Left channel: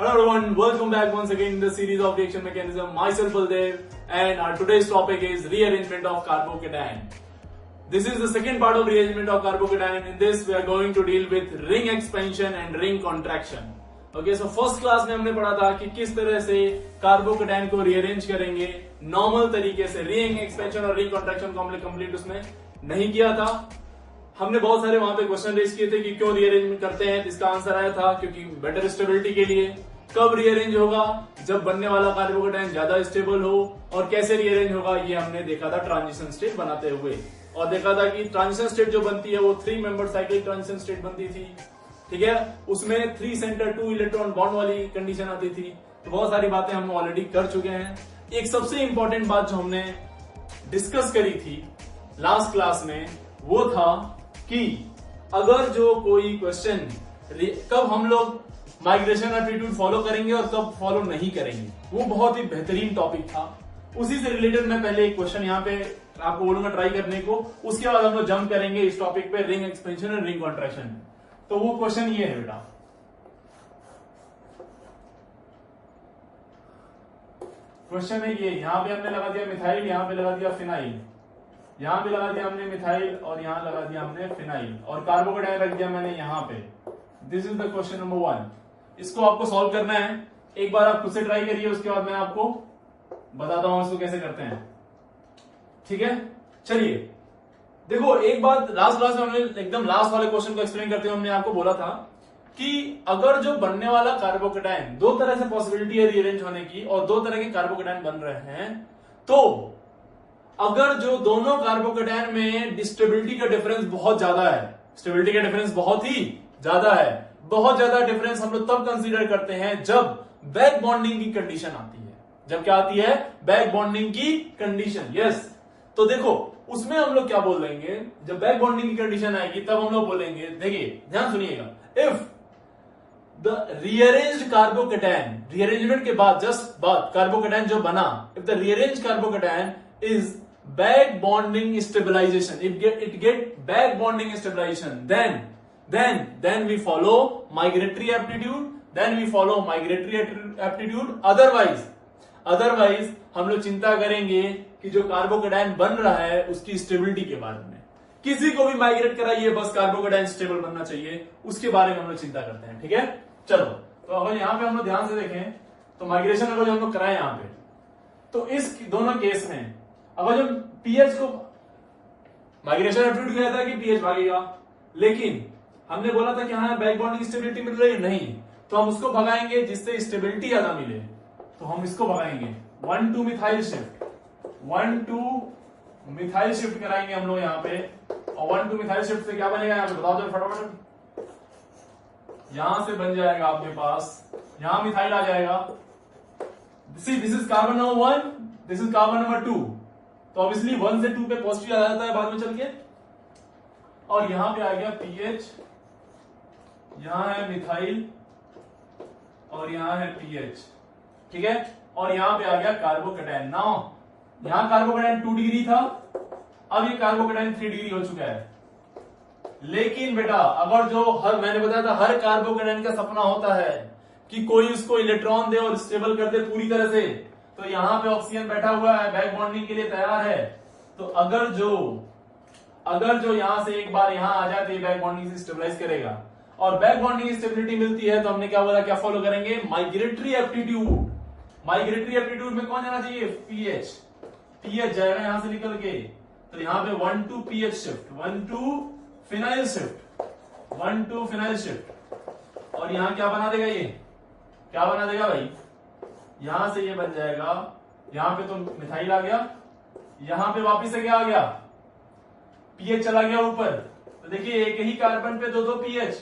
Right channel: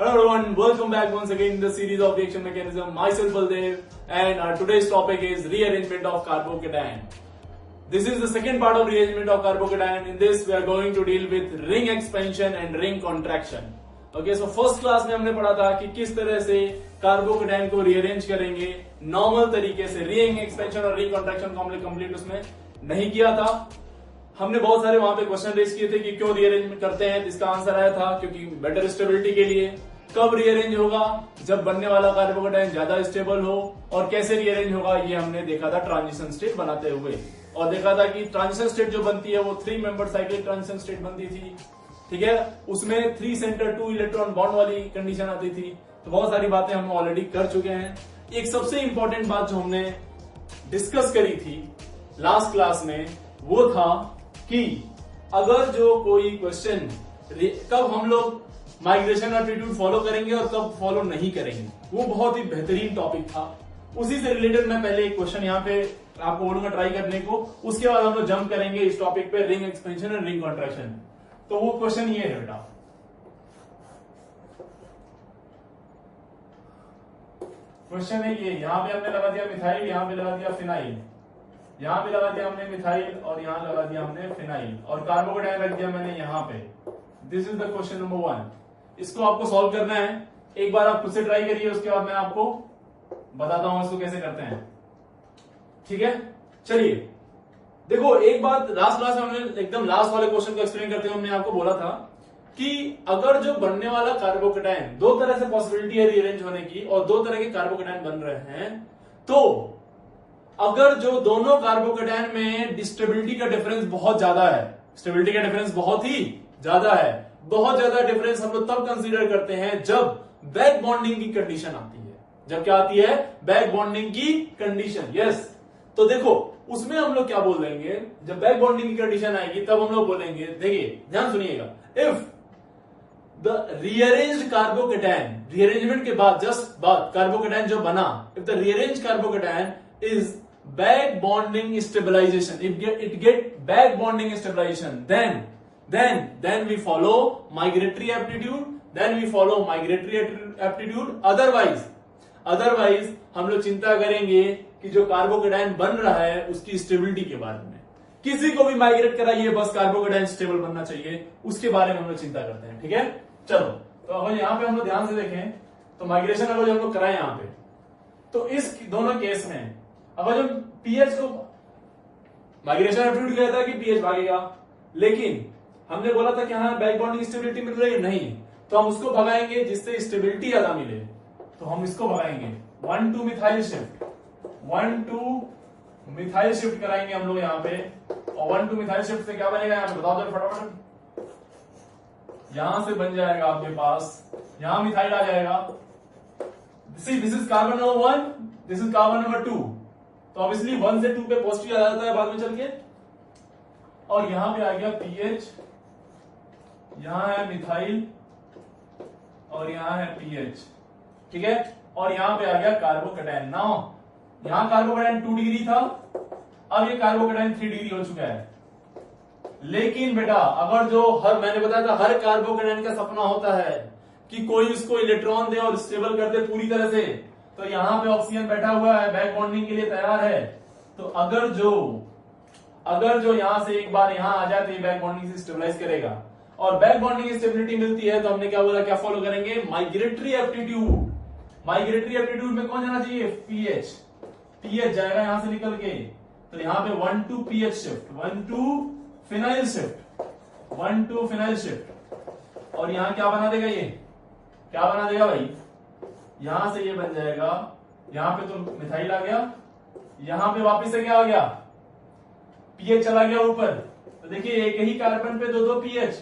Hello everyone, welcome back once again in the series of reaction mechanism. Myself Baldev, and our today's topic is rearrangement of carbocation. This is the second part of rearrangement of carbocation. In this we are going to deal with ring expansion and ring contraction. Okay, so first class में हमने पढ़ा था कि किस तरह से carbocation को rearrange करेंगे नॉर्मल तरीके से. रिंग एक्सपेंशन और रिंग कॉन्ट्रैक्शन को हमने कंप्लीट उसमें नहीं किया था. हमने बहुत सारे वहां पे क्वेश्चन रेज किए थे कि क्यों रीअरेंज करते हैं. इसका आंसर आया था क्योंकि बेटर स्टेबिलिटी के लिए. कब रीअरेंज होगा? जब बनने वाला कार्बोकेटाइन ज्यादा स्टेबल हो. और कैसे रीअरेंज होगा ये हमने देखा था ट्रांजिशन स्टेट बनाते हुए. और देखा था कि ट्रांजिशन स्टेट जो बनती है वो 3 मेंबर साइक्लिक ट्रांजिशन स्टेट बनती थी. ठीक है, उसमें 3 सेंटर 2 इलेक्ट्रॉन बॉन्ड वाली कंडीशन आती थी. तो बहुत सारी बातें हम ऑलरेडी कर चुके हैं. एक सबसे इंपॉर्टेंट बात जो हमने डिस्कस करी थी लास्ट क्लास में वो था कि अगर जो कोई क्वेश्चन कब हम लोग माइग्रेशन एप्टीट्यूड फॉलो करेंगे और कब फॉलो नहीं करेंगे, वो बहुत ही बेहतरीन टॉपिक था. उसी से रिलेटेड मैं पहले एक क्वेश्चन यहाँ पे आपको बोलूंगा ट्राई करने को. उसके बाद हम लोग जंप करेंगे इस टॉपिक पे रिंग एक्सपेंशन और रिंग कॉन्ट्रैक्शन. तो वो क्वेश्चन ये है बेटा, क्वेश्चन है ये. यहां पे हमने लगा दिया मिथाइल, यहां पे लगा दिया फिनाइल, यहां पे लगा दिया हमने मिथाइल और यहां लगा दिया हमने फिनाइल और कार्बोकेटाइन रख दिया मैंने यहां पे. This is the question number 1. इसको आपको सॉल्व करना है. एक बार आप खुद से ट्राई करिए, उसके बाद मैं आपको बताता हूं इसको कैसे करते हैं. ठीक है, चलिए देखो. एक बात लास्ट क्लास में हमने एकदम लास्ट वाले क्वेश्चन को एक्सप्लेन करते हुए हमने आपको बोला था कि अगर जो बनने वाला कार्बोकेटाइन, दो तरह से पॉसिबिलिटी है रीअरेंज होने की और दो तरह के कार्बोकेटाइन बन रहे हैं, तो अगर जो दोनों कार्बोकेटाइन में स्टेबिलिटी का डिफरेंस बहुत ज्यादा है, स्टेबिलिटी का डिफरेंस बहुत ही ज्यादा है, बहुत ज्यादा डिफरेंस हम लोग तब कंसीडर करते हैं जब बैक बॉन्डिंग की कंडीशन आती है. जब क्या आती है? बैक बॉन्डिंग की कंडीशन. यस, तो देखो उसमें हम लोग क्या बोल देंगे, जब बैक बॉन्डिंग की कंडीशन आएगी तब हम लोग बोलेंगे, देखिए ध्यान सुनिएगा, if the rearranged carbocation, rearrangement के बाद जस्ट बाद कार्बोकेटाइन जो बना, if the rearranged carbocation is back bonding stabilization, if it get back bonding stabilization, then we follow migratory aptitude, otherwise हम लोग चिंता करेंगे कि जो कार्बोकेटाइन बन रहा है उसकी स्टेबिलिटी के बारे में. किसी को भी माइग्रेट कराइए, बस कार्बोकेटाइन स्टेबल बनना चाहिए, उसके बारे में हम लोग चिंता करते हैं. ठीक है, चलो. तो अगर यहां पे हम लोग ध्यान से देखें तो माइग्रेशन अगर जो हम लोग कराएं यहां पे, तो इस दोनों केस में अगर जब पीएच को माइग्रेशन एप्टीट्यूड कहता है कि पीएच भागेगा, लेकिन हमने बोला था कि हाँ बैक बॉन्डिंग स्टेबिलिटी मिल रही है, नहीं, तो हम उसको भगाएंगे जिससे स्टेबिलिटी ज्यादा मिले. तो हम इसको भगाएंगे 1,2 मिथाइल शिफ्ट, 1,2 मिथाइल शिफ्ट कराएंगे हम लोग यहाँ पे. और 1,2 मिथाइल शिफ्ट से क्या बनेगा यहाँ पे बताओ जरा फटाफट. यहां से बन जाएगा आपके पास, यहां मिथाइल आ जाएगा. This is carbon number 1, this is carbon number 2. तो ऑब्वियसली 1 से 2 पे पॉजिटिव आ जाता है बाद में चल के. और यहां पे आ गया पीएच, यहां है मिथाइल और यहां है पीएच. ठीक है, और यहां पे आ गया कार्बोकेटाइन. नाउ यहां कार्बोकेटाइन 2 डिग्री था, अब ये कार्बोकेटाइन 3 डिग्री हो चुका है. लेकिन बेटा अगर जो मैंने बताया था हर कार्बोकेटाइन का सपना होता है कि कोई उसको इलेक्ट्रॉन दे और स्टेबल कर दे पूरी तरह से. तो यहां पे ऑक्सीजन बैठा हुआ है, बैक बॉन्डिंग के लिए तैयार है. तो अगर जो यहां से एक बार यहां आ जाए तो ये बैक बॉन्डिंग से स्टेबलाइज करेगा. और बैक बॉन्डिंग स्टेबिलिटी मिलती है तो हमने क्या बोला, क्या फॉलो करेंगे? Migratory aptitude. माइग्रेटरी एप्टीट्यूड में कौन जाना चाहिए? पीएच. पीएच जाएगा यहां से निकल के. तो यहां पे 1,2 pH shift, 1,2 phenyl shift, 1,2 phenyl shift. और यहां क्या बना देगा? ये क्या बना देगा भाई? यहां से ये बन जाएगा, यहां पे तो मिथाइल आ गया, यहां पे वापस से क्या आ गया? पीएच चला गया ऊपर. तो देखिए एक ही कार्बन पे 2-2 पीएच,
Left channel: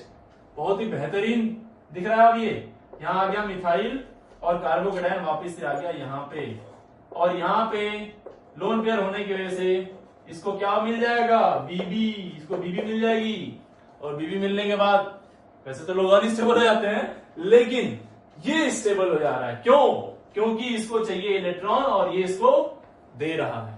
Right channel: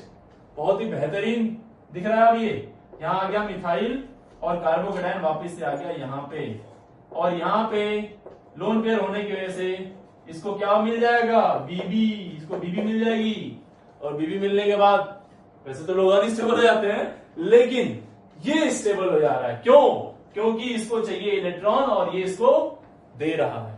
बहुत ही बेहतरीन दिख रहा है. अब ये यहां आ गया मिथाइल और कार्बोकेटाइन वापस से आ गया यहां पे. और यहां पे लोन पेयर होने की वजह से इसको क्या मिल जाएगा? बीबी. इसको बीबी मिल जाएगी. और बीबी मिलने के बाद वैसे तो लोग अनस्टेबल हो जाते हैं, लेकिन ये स्टेबल हो जा रहा है. क्यों? क्योंकि इसको चाहिए इलेक्ट्रॉन और ये इसको दे रहा है.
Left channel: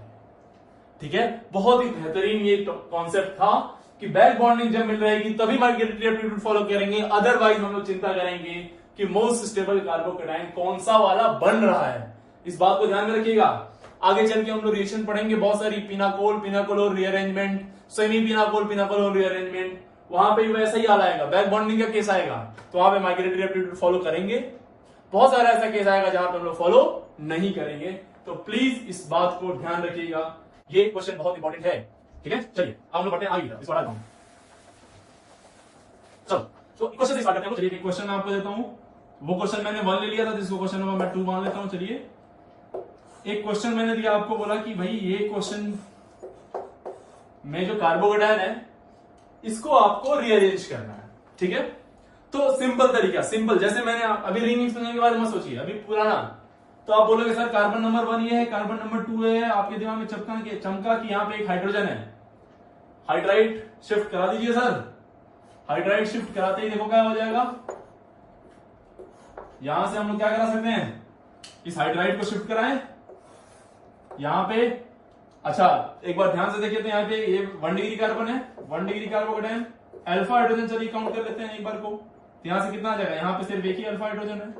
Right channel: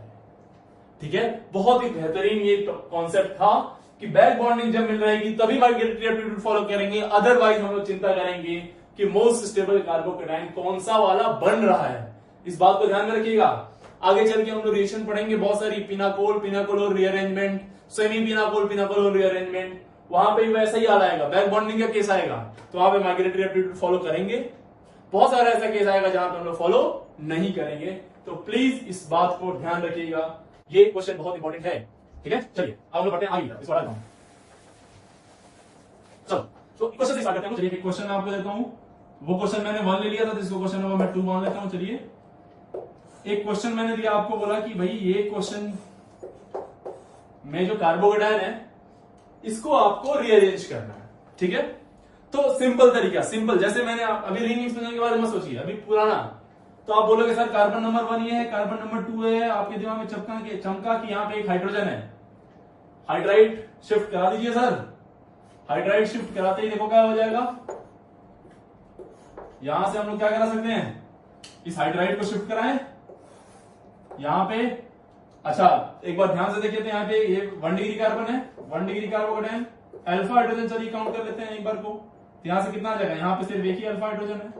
ठीक है, बहुत ही बेहतरीन ये कॉन्सेप्ट था कि बैक बॉन्डिंग जब मिल रहेगी तभी माइग्रेटरी एप्टीट्यूड फॉलो करेंगे, अदरवाइज हम लोग चिंता करेंगे कि मोस्ट स्टेबल कार्बोकेटाइन कौन सा वाला बन रहा है। इस बात को ध्यान में रखिएगा। आगे चल के हम लोग रिएक्शन पढ़ेंगे बहुत सारी, pinacol pinacolone rearrangement, semi pinacol pinacolone rearrangement, वहां पे भी वैसा ही हाल आएगा, बैक बॉन्डिंग का केस आएगा, तो वहां पे माइग्रेटरी एप्टीट्यूड फॉलो करेंगे। बहुत सारा ऐसा केस आएगा जहां पे हम लोग फॉलो नहीं करेंगे, तो प्लीज इस बात को ध्यान रखिएगा। ये क्वेश्चन बहुत इंपॉर्टेंट है, ठीक है। चलिए अब हम लोग पढ़ते हैं आगे, इसको हटाता हूं। चलो तो क्वेश्चन से स्टार्ट करते हैं। चलिए एक क्वेश्चन मैं आपको देता हूं, वो क्वेश्चन मैंने 1 ले लिया था, जिसको क्वेश्चन नंबर मैं 2 मान लेता हूं। चलिए एक क्वेश्चन मैंने दिया आपको, बोला कि भाई ये क्वेश्चन में जो कार्बोकेटाइन है इसको आपको रीअरेंज करना है, ठीक है। तो सिंपल तरीका, सिंपल, जैसे मैंने अभी रिंग एक्सपेंशन के बारे में सोचिए, अभी पुराना, तो आप बोलोगे सर कार्बन नंबर 1 ये है, कार्बन नंबर 2 है, आपके दिमाग में चमका कि यहाँ पे एक हाइड्रोजन है, हाइड्राइड शिफ्ट करा दीजिए सर। हाइड्राइड शिफ्ट कराते ही देखो क्या हो जाएगा, यहां से हम लोग क्या करा सकते हैं, इस हाइड्राइड को शिफ्ट कराएं यहां पे। अच्छा एक बार ध्यान से देखिए, तो यहाँ पे ये 1 डिग्री कार्बन है, 1 डिग्री कार्बोकेटाइन, अल्फा हाइड्रोजन, चलिए काउंट कर लेते हैं एक बार को। तो यहां से कितना आ जाएगा, यहाँ पे सिर्फ एक ही अल्फा हाइड्रोजन है,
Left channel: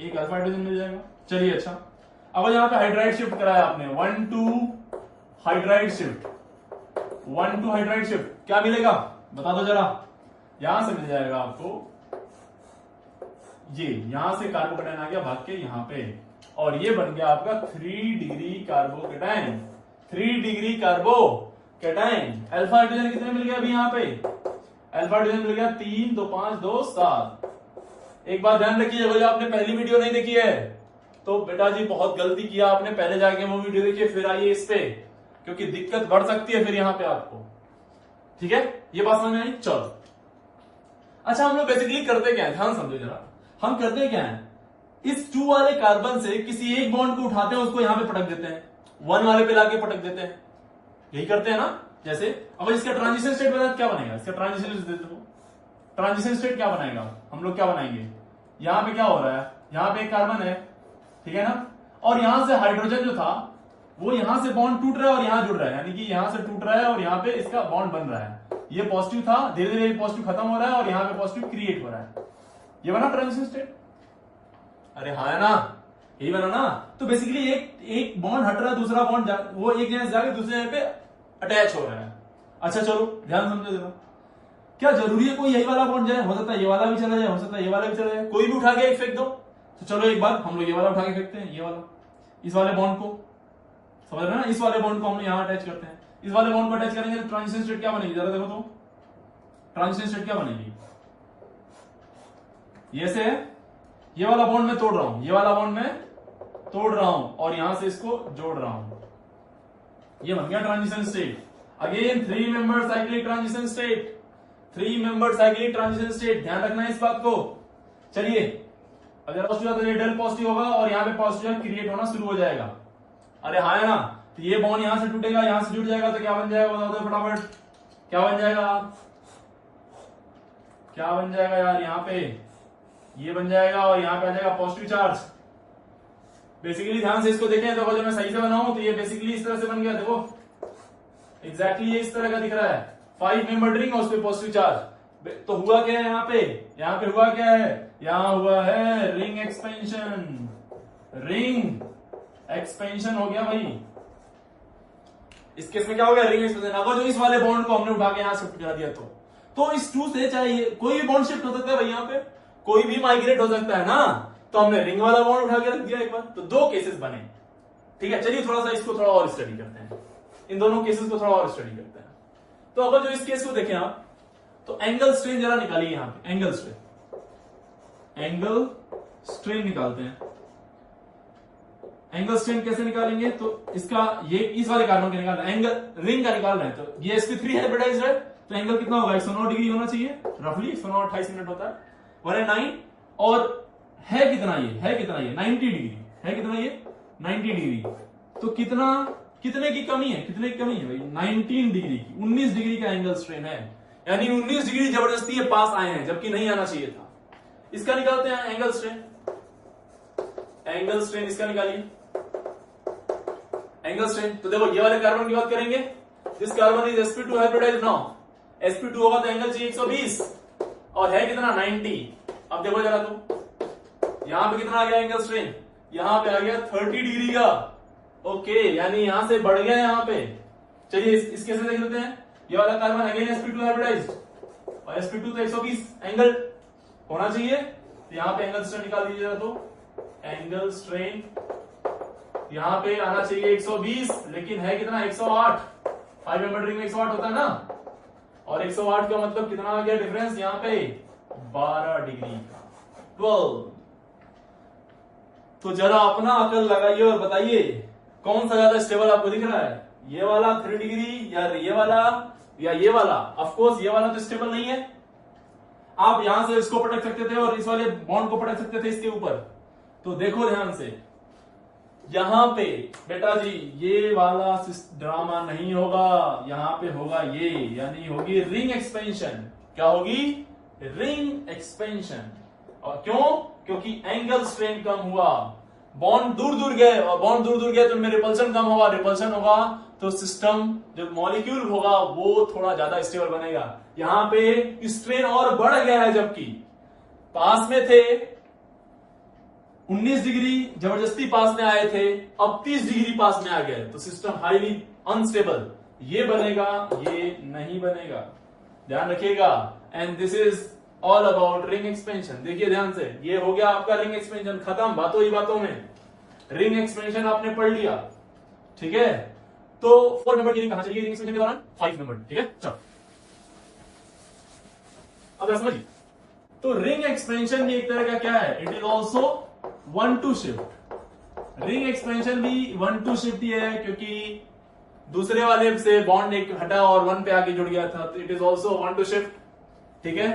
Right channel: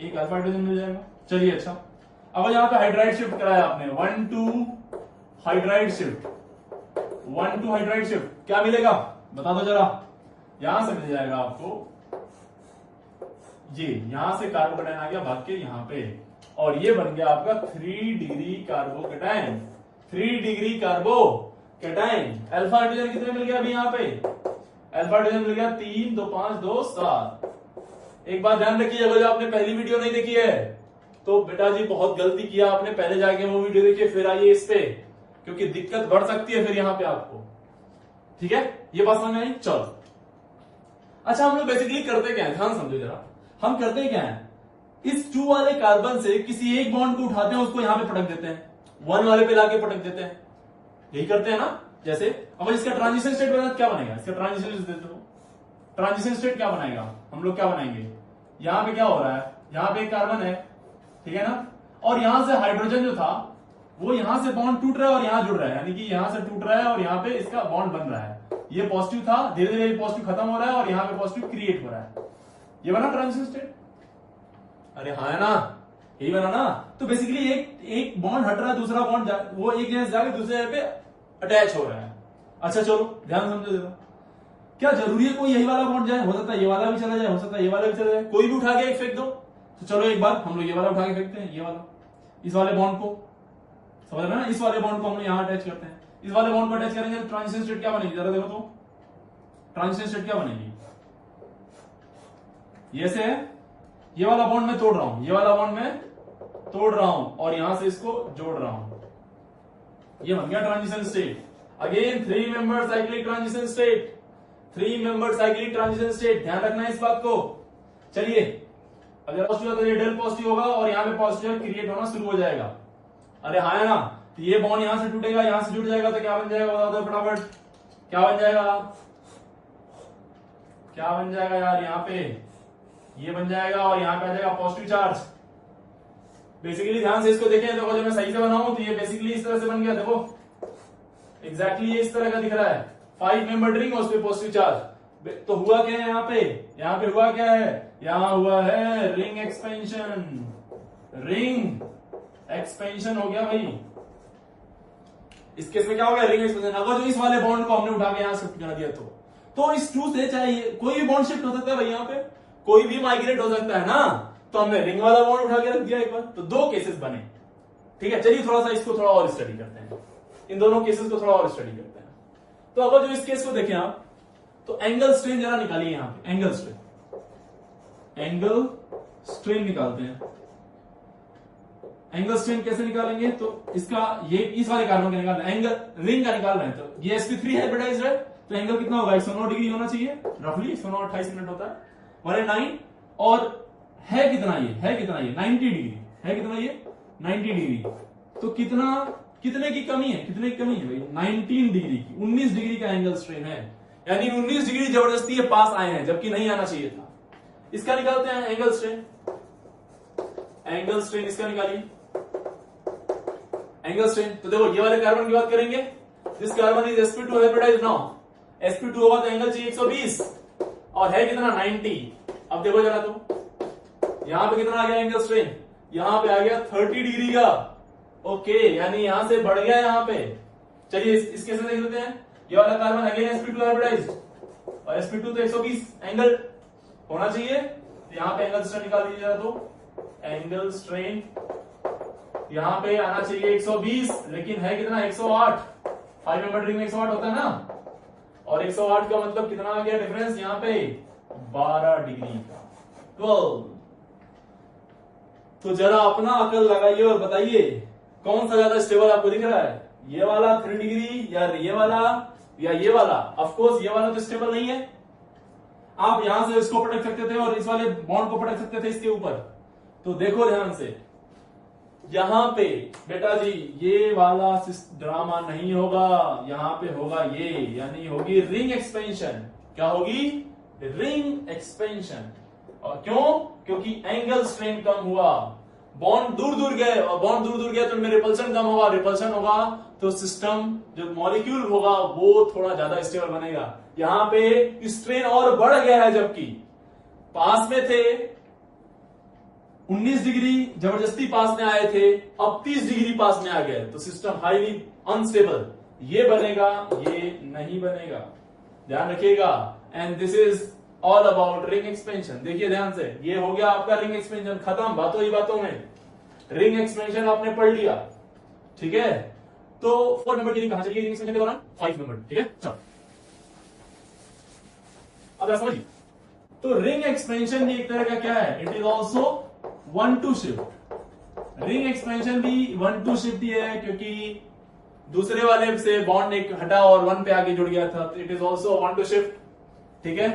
एक अल्फा हाइड्रोजन मिल जाएगा। चलिए अच्छा, अब यहाँ पे हाइड्राइड शिफ्ट कराया आपने, 1 2 हाइड्राइड शिफ्ट, 1 2 हाइड्राइड शिफ्ट, क्या मिलेगा बता दो जरा। यहां से मिल जाएगा आपको ये, यहां से कार्बोकेटाइन आ गया भाग के यहाँ पे, और ये बन गया आपका 3 degree carbocation, 3 degree carbocation. Alpha hydrogen कितने मिल गया अभी यहाँ पे, अल्फा हाइड्रोजन मिल गया 3 2 5 2 7। एक बात ध्यान रखिए, अगर आपने पहली वीडियो नहीं देखी है तो बेटा जी बहुत गलती किया आपने, पहले जाके वो वीडियो देखिए फिर आइए इस पे, क्योंकि दिक्कत बढ़ सकती है फिर यहाँ पे आपको, ठीक है। ये बात समझ में आई, चलो। अच्छा हम लोग बेसिकली करते क्या है, ध्यान समझो जरा, हम करते क्या है, इस 2 वाले कार्बन से किसी एक बॉन्ड को उठाते हैं, उसको यहां पे पटक देते हैं, 1 वाले पे लाके पटक देते हैं, यही करते हैं ना। जैसे अब इसका ट्रांजिशन स्टेट बना, क्या बनेगा, इसका ट्रांजिशन स्टेट, ट्रांजिशन स्टेट क्या बनाएगा, हम लोग क्या बनाएंगे, यहां पे क्या हो रहा है, यहां पे एक कार्बन है, ठीक है ना, और यहां से हाइड्रोजन जो था वो यहां से बॉन्ड टूट रहा है और यहां जुड़ रहा है, यानी कि यहां से टूट रहा है और यहां पे इसका बॉन्ड बन रहा है। ये पॉजिटिव था, धीरे धीरे पॉजिटिव खत्म हो रहा है और यहाँ पे पॉजिटिव क्रिएट हो रहा है, ये बना ट्रांजिशन स्टेट। अरे हाँ है ना, यही बना ना। तो बेसिकली एक बॉन्ड हट रहा है, दूसरा बॉन्ड वो एक जगह से जाके दूसरे जगह पे अटैच हो रहा है। अच्छा चलो ध्यान समझो जरा, क्या जरूरी है कोई यही वाला बॉन्ड जाए, हो सकता है ये वाला भी चला जाए, हो सकता है ये वाला भी चला जाए, कोई भी उठा के एक फेंक दो। तो चलो एक बार हम लोग ये वाला उठा के फेंकते हैं, ये वाला, इस वाले बॉन्ड को, समझ रहे ना, इस वाले बॉन्ड को हम लोग यहाँ अटैच करते हैं, इस वाले बॉन्ड को अटैच करेंगे तो ट्रांजिशन स्टेट क्या बनेगी जरा देखो तो, ट्रांजिशन स्टेट क्या बनेगी, ये से ये वाला बॉन्ड मैं तोड़ रहा हूं, ये वाला बॉन्ड मैं तोड़ रहा हूं और यहां से इसको जोड़ रहा हूं, ये बन गया transition state. Again 3 member cyclic transition state, 3 member cyclic transition state, ध्यान रखना है इस बात को। चलिए अगर पॉजिटिव तो ये डेल पॉजिटिव होगा और यहाँ पे पॉजिटिव क्रिएट होना शुरू हो जाएगा। अरे हाँ है ना, तो ये बॉन्ड यहां से टूटेगा, यहां से जुड़ जाएगा, तो क्या बन जाएगा बता दो फटाफट, क्या बन जाएगा, क्या बन जाएगा यार, यहाँ पे ये बन जाएगा और यहाँ पे आ जाएगा पॉजिटिव चार्ज। बेसिकली ध्यान से इसको देखें तो अगर मैं सही से बनाऊं तो ये बेसिकली इस तरह से बन गया, देखो एग्जैक्टली ये इस तरह का दिख रहा है, 5 मेंबर रिंग और उस पर पॉजिटिव चार्ज। तो हुआ क्या है यहाँ पे हुआ क्या है, यहाँ हुआ है रिंग एक्सपेंशन, रिंग एक्सपेंशन हो गया भाई। इस केस में क्या हो गया, रिंग एक्सपेंशन। अगर जो इस वाले बॉन्ड को हमने उठा के यहाँ शिफ्ट करा दिया तो इस 2 से चाहे कोई भी बॉन्ड शिफ्ट हो सकता है भाई, यहाँ पे कोई भी माइग्रेट हो सकता है ना, तो हमने रिंग वाला बॉन्ड उठा के रख दिया एक बार, तो 2 केसेस बने, ठीक है। चलिए थोड़ा सा इसको थोड़ा और स्टडी करते हैं, इन दोनों केसेस को थोड़ा और स्टडी करते हैं। तो अगर जो इस केस को देखें आप, तो एंगल स्ट्रेन जरा निकालिए यहाँ पे, एंगल स्ट्रेन निकालते हैं। एंगल स्ट्रेन कैसे निकालेंगे, तो इसका ये इस वाले कार्बन का निकाल रहे हैं, एंगल रिंग का निकाल रहे हैं, तो ये sp3 हाइब्रिडाइज्ड है, तो एंगल कितना होगा, 109 डिग्री होना चाहिए, रफली 109 28 मिनट होता है, 109, और है कितना ये 90 डिग्री, है कितना ये 90 डिग्री। तो कितने की कमी है भाई, 19 डिग्री की, 19 डिग्री का एंगल स्ट्रेन है, यानी 19 डिग्री जबरदस्ती ये पास आए हैं जबकि नहीं आना चाहिए था। इसका निकालते हैं एंगल स्ट्रेन, इसका निकालिए एंगल स्ट्रेन। तो देखो ये वाले कार्बन की बात करेंगे, this carbon is sp2 hybridised now, sp2 होगा तो एंगल चाहिए 120 और है कितना 90। अब देखो जरा तो यहां पे कितना आ गया एंगल स्ट्रेन, यहां पे आ गया 30 डिग्री का। ओके, यानी यहां से बढ़ गया यहां पे। चलिए इस केस में देख लेते हैं। ये वाला कार्बन अगेन sp2 हाइब्रिडाइज्ड, और sp2 तो 120 एंगल होना चाहिए, तो यहां पे एंगल स्ट्रेन निकाल दीजिएगा, तो एंगल स्ट्रेन यहां पे आना चाहिए 120, लेकिन है कितना 108। 5 मेंबर रिंग में 108 होता है ना, और 108 का मतलब कितना आ गया डिफरेंस यहां पे 12 डिग्री का, 12। तो जरा अपना अकल लगाइए और बताइए कौन सा ज्यादा स्टेबल आपको दिख रहा है, ये वाला 3 डिग्री या ये वाला या ये वाला। ऑफ कोर्स ये वाला तो स्टेबल नहीं है, आप यहां से इसको पटक सकते थे और इस वाले बॉन्ड को पटक सकते थे इसके ऊपर। तो देखो ध्यान से, यहां पे बेटा जी ये वाला ड्रामा नहीं होगा, यहां पे होगा ये, यानी होगी रिंग एक्सपेंशन। क्या होगी? Ring expansion. और क्यों? क्योंकि एंगल स्ट्रेन कम हुआ, बॉन्ड दूर दूर गए, और बॉन्ड दूर दूर गए तो उनमें रिपल्सन कम होगा, रिपल्सन होगा तो सिस्टम जो मॉलिक्यूल होगा वो थोड़ा ज्यादा स्टेबल बनेगा। यहां पे स्ट्रेन और बढ़ गया है, जबकि पास में थे 19 डिग्री जबरदस्ती पास में आए थे, अब 30 डिग्री पास में आ गए, तो सिस्टम हाईली अनस्टेबल। ये बनेगा, ये नहीं बनेगा, ध्यान रखिएगा। And this is all about ring expansion. देखिए ध्यान से, ये हो गया आपका रिंग एक्सपेंशन खत्म, बातों ही बातों में रिंग एक्सपेंशन आपने पढ़ लिया, ठीक है। तो 4 मेंबर की रिंग कहां चली रिंग एक्सपेंशन के दौरान? 5 मेंबर, ठीक है। चलो अब समझिए, तो रिंग एक्सपेंशन भी एक तरह का क्या है, it is also 1-2 shift. Ring expansion भी 1-2 शिफ्ट ही है, क्योंकि दूसरे वाले से बॉन्ड एक हटा और 1 पे आके जुड़ गया था, तो इट इज ऑल्सो 1-2 शिफ्ट, ठीक है।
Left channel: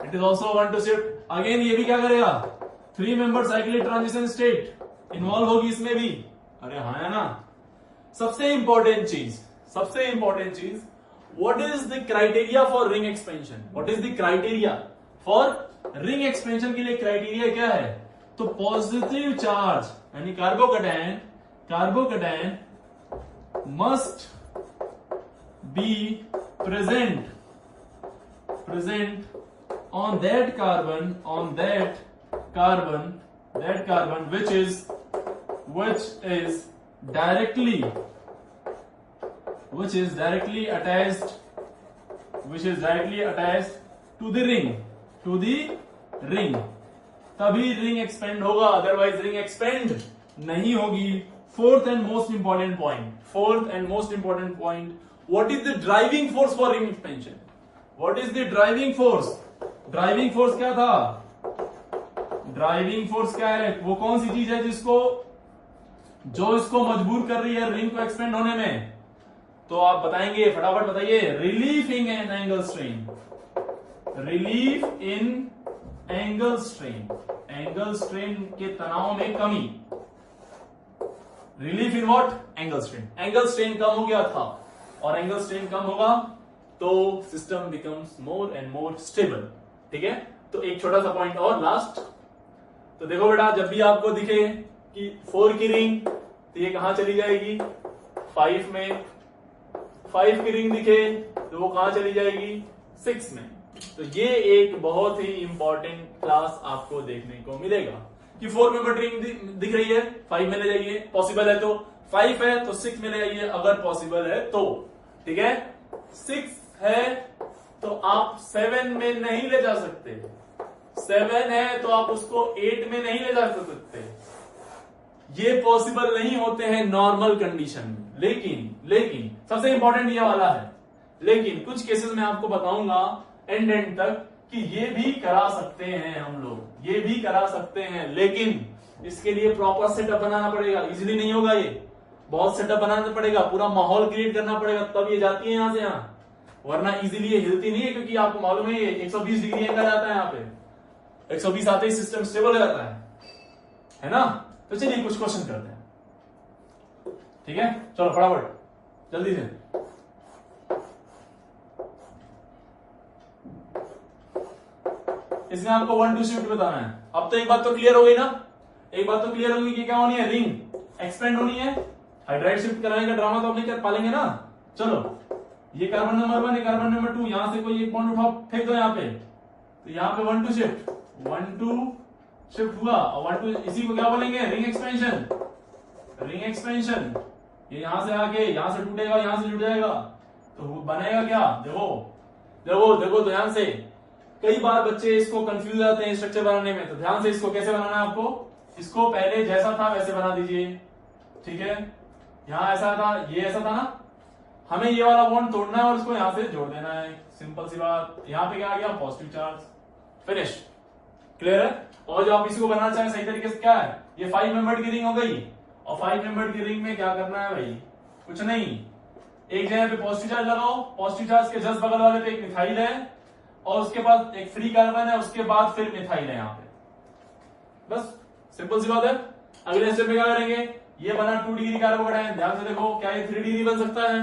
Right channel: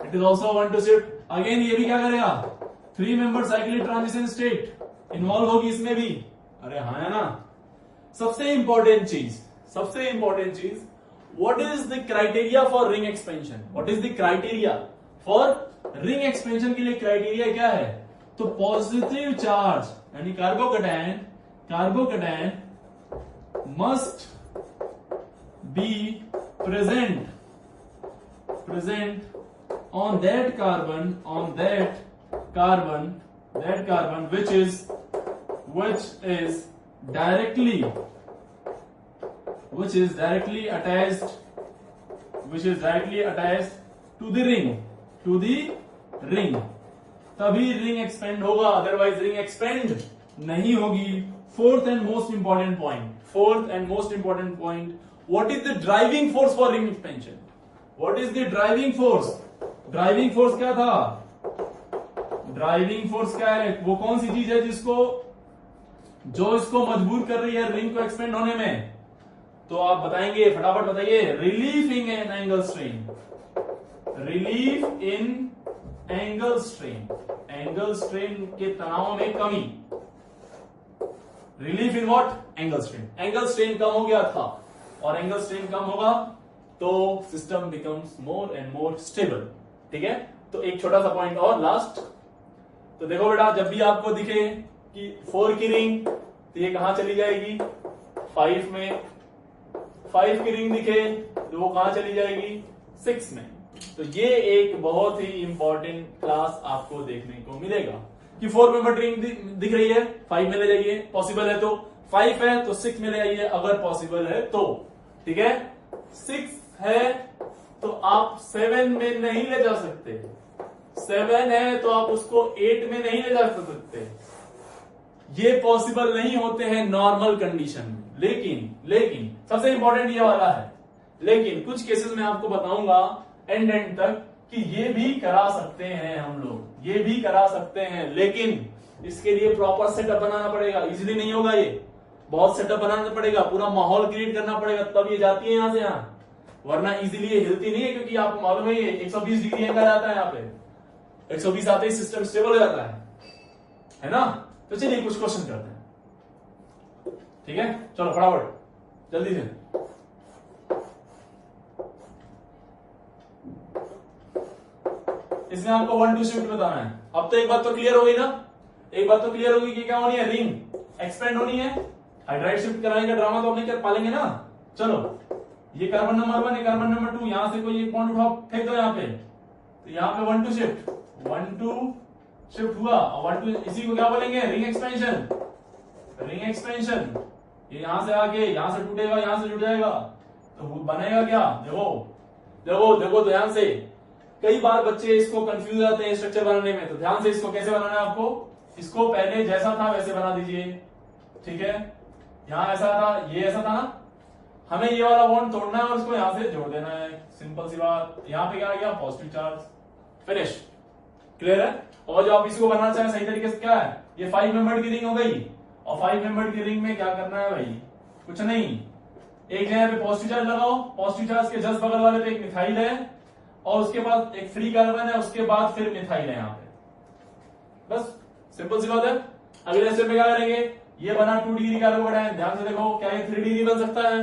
It is also 1-2 shift. Again ये भी क्या करेगा, 3 member cyclic transition state involve होगी इसमें भी। अरे हाँ है ना। सबसे इंपॉर्टेंट चीज, what is the criteria for ring expansion? What is the criteria for ring expansion के लिए क्राइटेरिया क्या है? तो पॉजिटिव चार्ज यानी carbocation must be present on that carbon which is directly attached to the ring, तभी ring expand होगा, otherwise ring expand नहीं होगी। Fourth and most important point, what is the driving force for ring expansion? What is the driving force? Driving force क्या था? Driving force क्या है? वो कौन सी चीज है जो इसको मजबूर कर रही है रिंग को एक्सपेंड होने में? तो आप बताएंगे, फटाफट बताइए। Relief in angle strain, angle strain के तनाव में कमी। Relief in what? Angle strain कम हो गया था, और एंगल स्ट्रेन कम होगा तो system becomes more and more stable, ठीक है। तो एक छोटा सा पॉइंट और लास्ट, तो देखो बेटा, जब भी आपको दिखे कि 4 की रिंग, तो ये कहां चली जाएगी? 5 में। 5 की रिंग दिखे तो वो कहां चली जाएगी? 6 में। तो ये एक बहुत ही इंपॉर्टेंट क्लास आपको देखने को मिलेगा कि 4 मेंबर रिंग दिख रही है, 5 में ले जाइए, पॉसिबल है तो। 5 है तो 6 में ले आइए अगर पॉसिबल है तो, ठीक है। 6 है तो आप 7 में नहीं ले जा सकते, 7 है तो आप उसको 8 में नहीं ले जा सकते, ये पॉसिबल नहीं होते हैं नॉर्मल कंडीशन में। लेकिन सबसे इंपॉर्टेंट ये वाला है, लेकिन कुछ केसेस में आपको बताऊंगा एंड तक कि ये भी करा सकते हैं हम लोग, ये भी करा सकते हैं, लेकिन इसके लिए प्रॉपर सेटअप बनाना पड़ेगा। इजीली नहीं होगा, ये बहुत सेटअप बनाना पड़ेगा, पूरा माहौल क्रिएट करना पड़ेगा, तब ये जाती है यहां से यहां, वरना इजीली ये हिलती नहीं है। क्योंकि आपको मालूम है ये 120 डिग्री एंगल आता है, यहाँ पे 120 आते ही सिस्टम स्टेबल हो जाता है ना। तो चलिए कुछ क्वेश्चन करते हैं, ठीक है। चलो फटाफट जल्दी से। इसमें आपको 1-2 शिफ्ट बताना है। अब तो एक बात तो क्लियर हो गई ना, एक बात तो क्लियर होगी कि क्या होनी है, रिंग एक्सपेंड होनी है। हाइड्राइड शिफ्ट कराने का ड्रामा तो आप नहीं कर पालेंगे ना। चलो ये कार्बन नंबर 1, ये कार्बन नंबर 2, यहां से कोई एक बॉन्ड उठाओ, फेंक दो यहाँ पे, तो यहाँ पे 1-2 शिफ्ट, 1-2 शिफ्ट हुआ और 1 2 इसी को क्या बोलेंगे, रिंग एक्सपेंशन। रिंग एक्सपेंशन ये यहां से आके यहां से टूटेगा, यहां से जुड़ जाएगा, तो बनेगा क्या, देखो देखो देखो ध्यान से। कई बार बच्चे इसको कंफ्यूज जाते हैं स्ट्रक्चर बनाने में, तो ध्यान से इसको कैसे बनाना है आपको, इसको पहले जैसा था वैसे बना दीजिए, ठीक है। यहां ऐसा था, ये ऐसा था ना, हमें ये वाला बॉन्ड तोड़ना है और इसको यहां से जोड़ देना है, सिंपल सी बात। यहां पे क्या आ गया, पॉजिटिव चार्ज, फिनिश, क्लियर है। और जो आप इसको बनाना चाहें सही तरीके से क्या है, ये 5 मेंबर्ड की रिंग हो गई, और 5 मेंबर्ड की रिंग में क्या करना है भाई, कुछ नहीं, एक जगह पे पॉजिटिव चार्ज लगाओ, पॉजिटिव चार्ज के जस्ट बगल वाले पे एक मिथाइल है और उसके बाद एक फ्री कार्बन है, उसके बाद फिर मिथाइल है यहाँ पे, बस सिंपल सी बात है। अगले स्टेप में क्या करेंगे, ये बना 2 डिग्री कार्बोकेटायन, ध्यान से देखो क्या ये 3 डिग्री बन सकता है,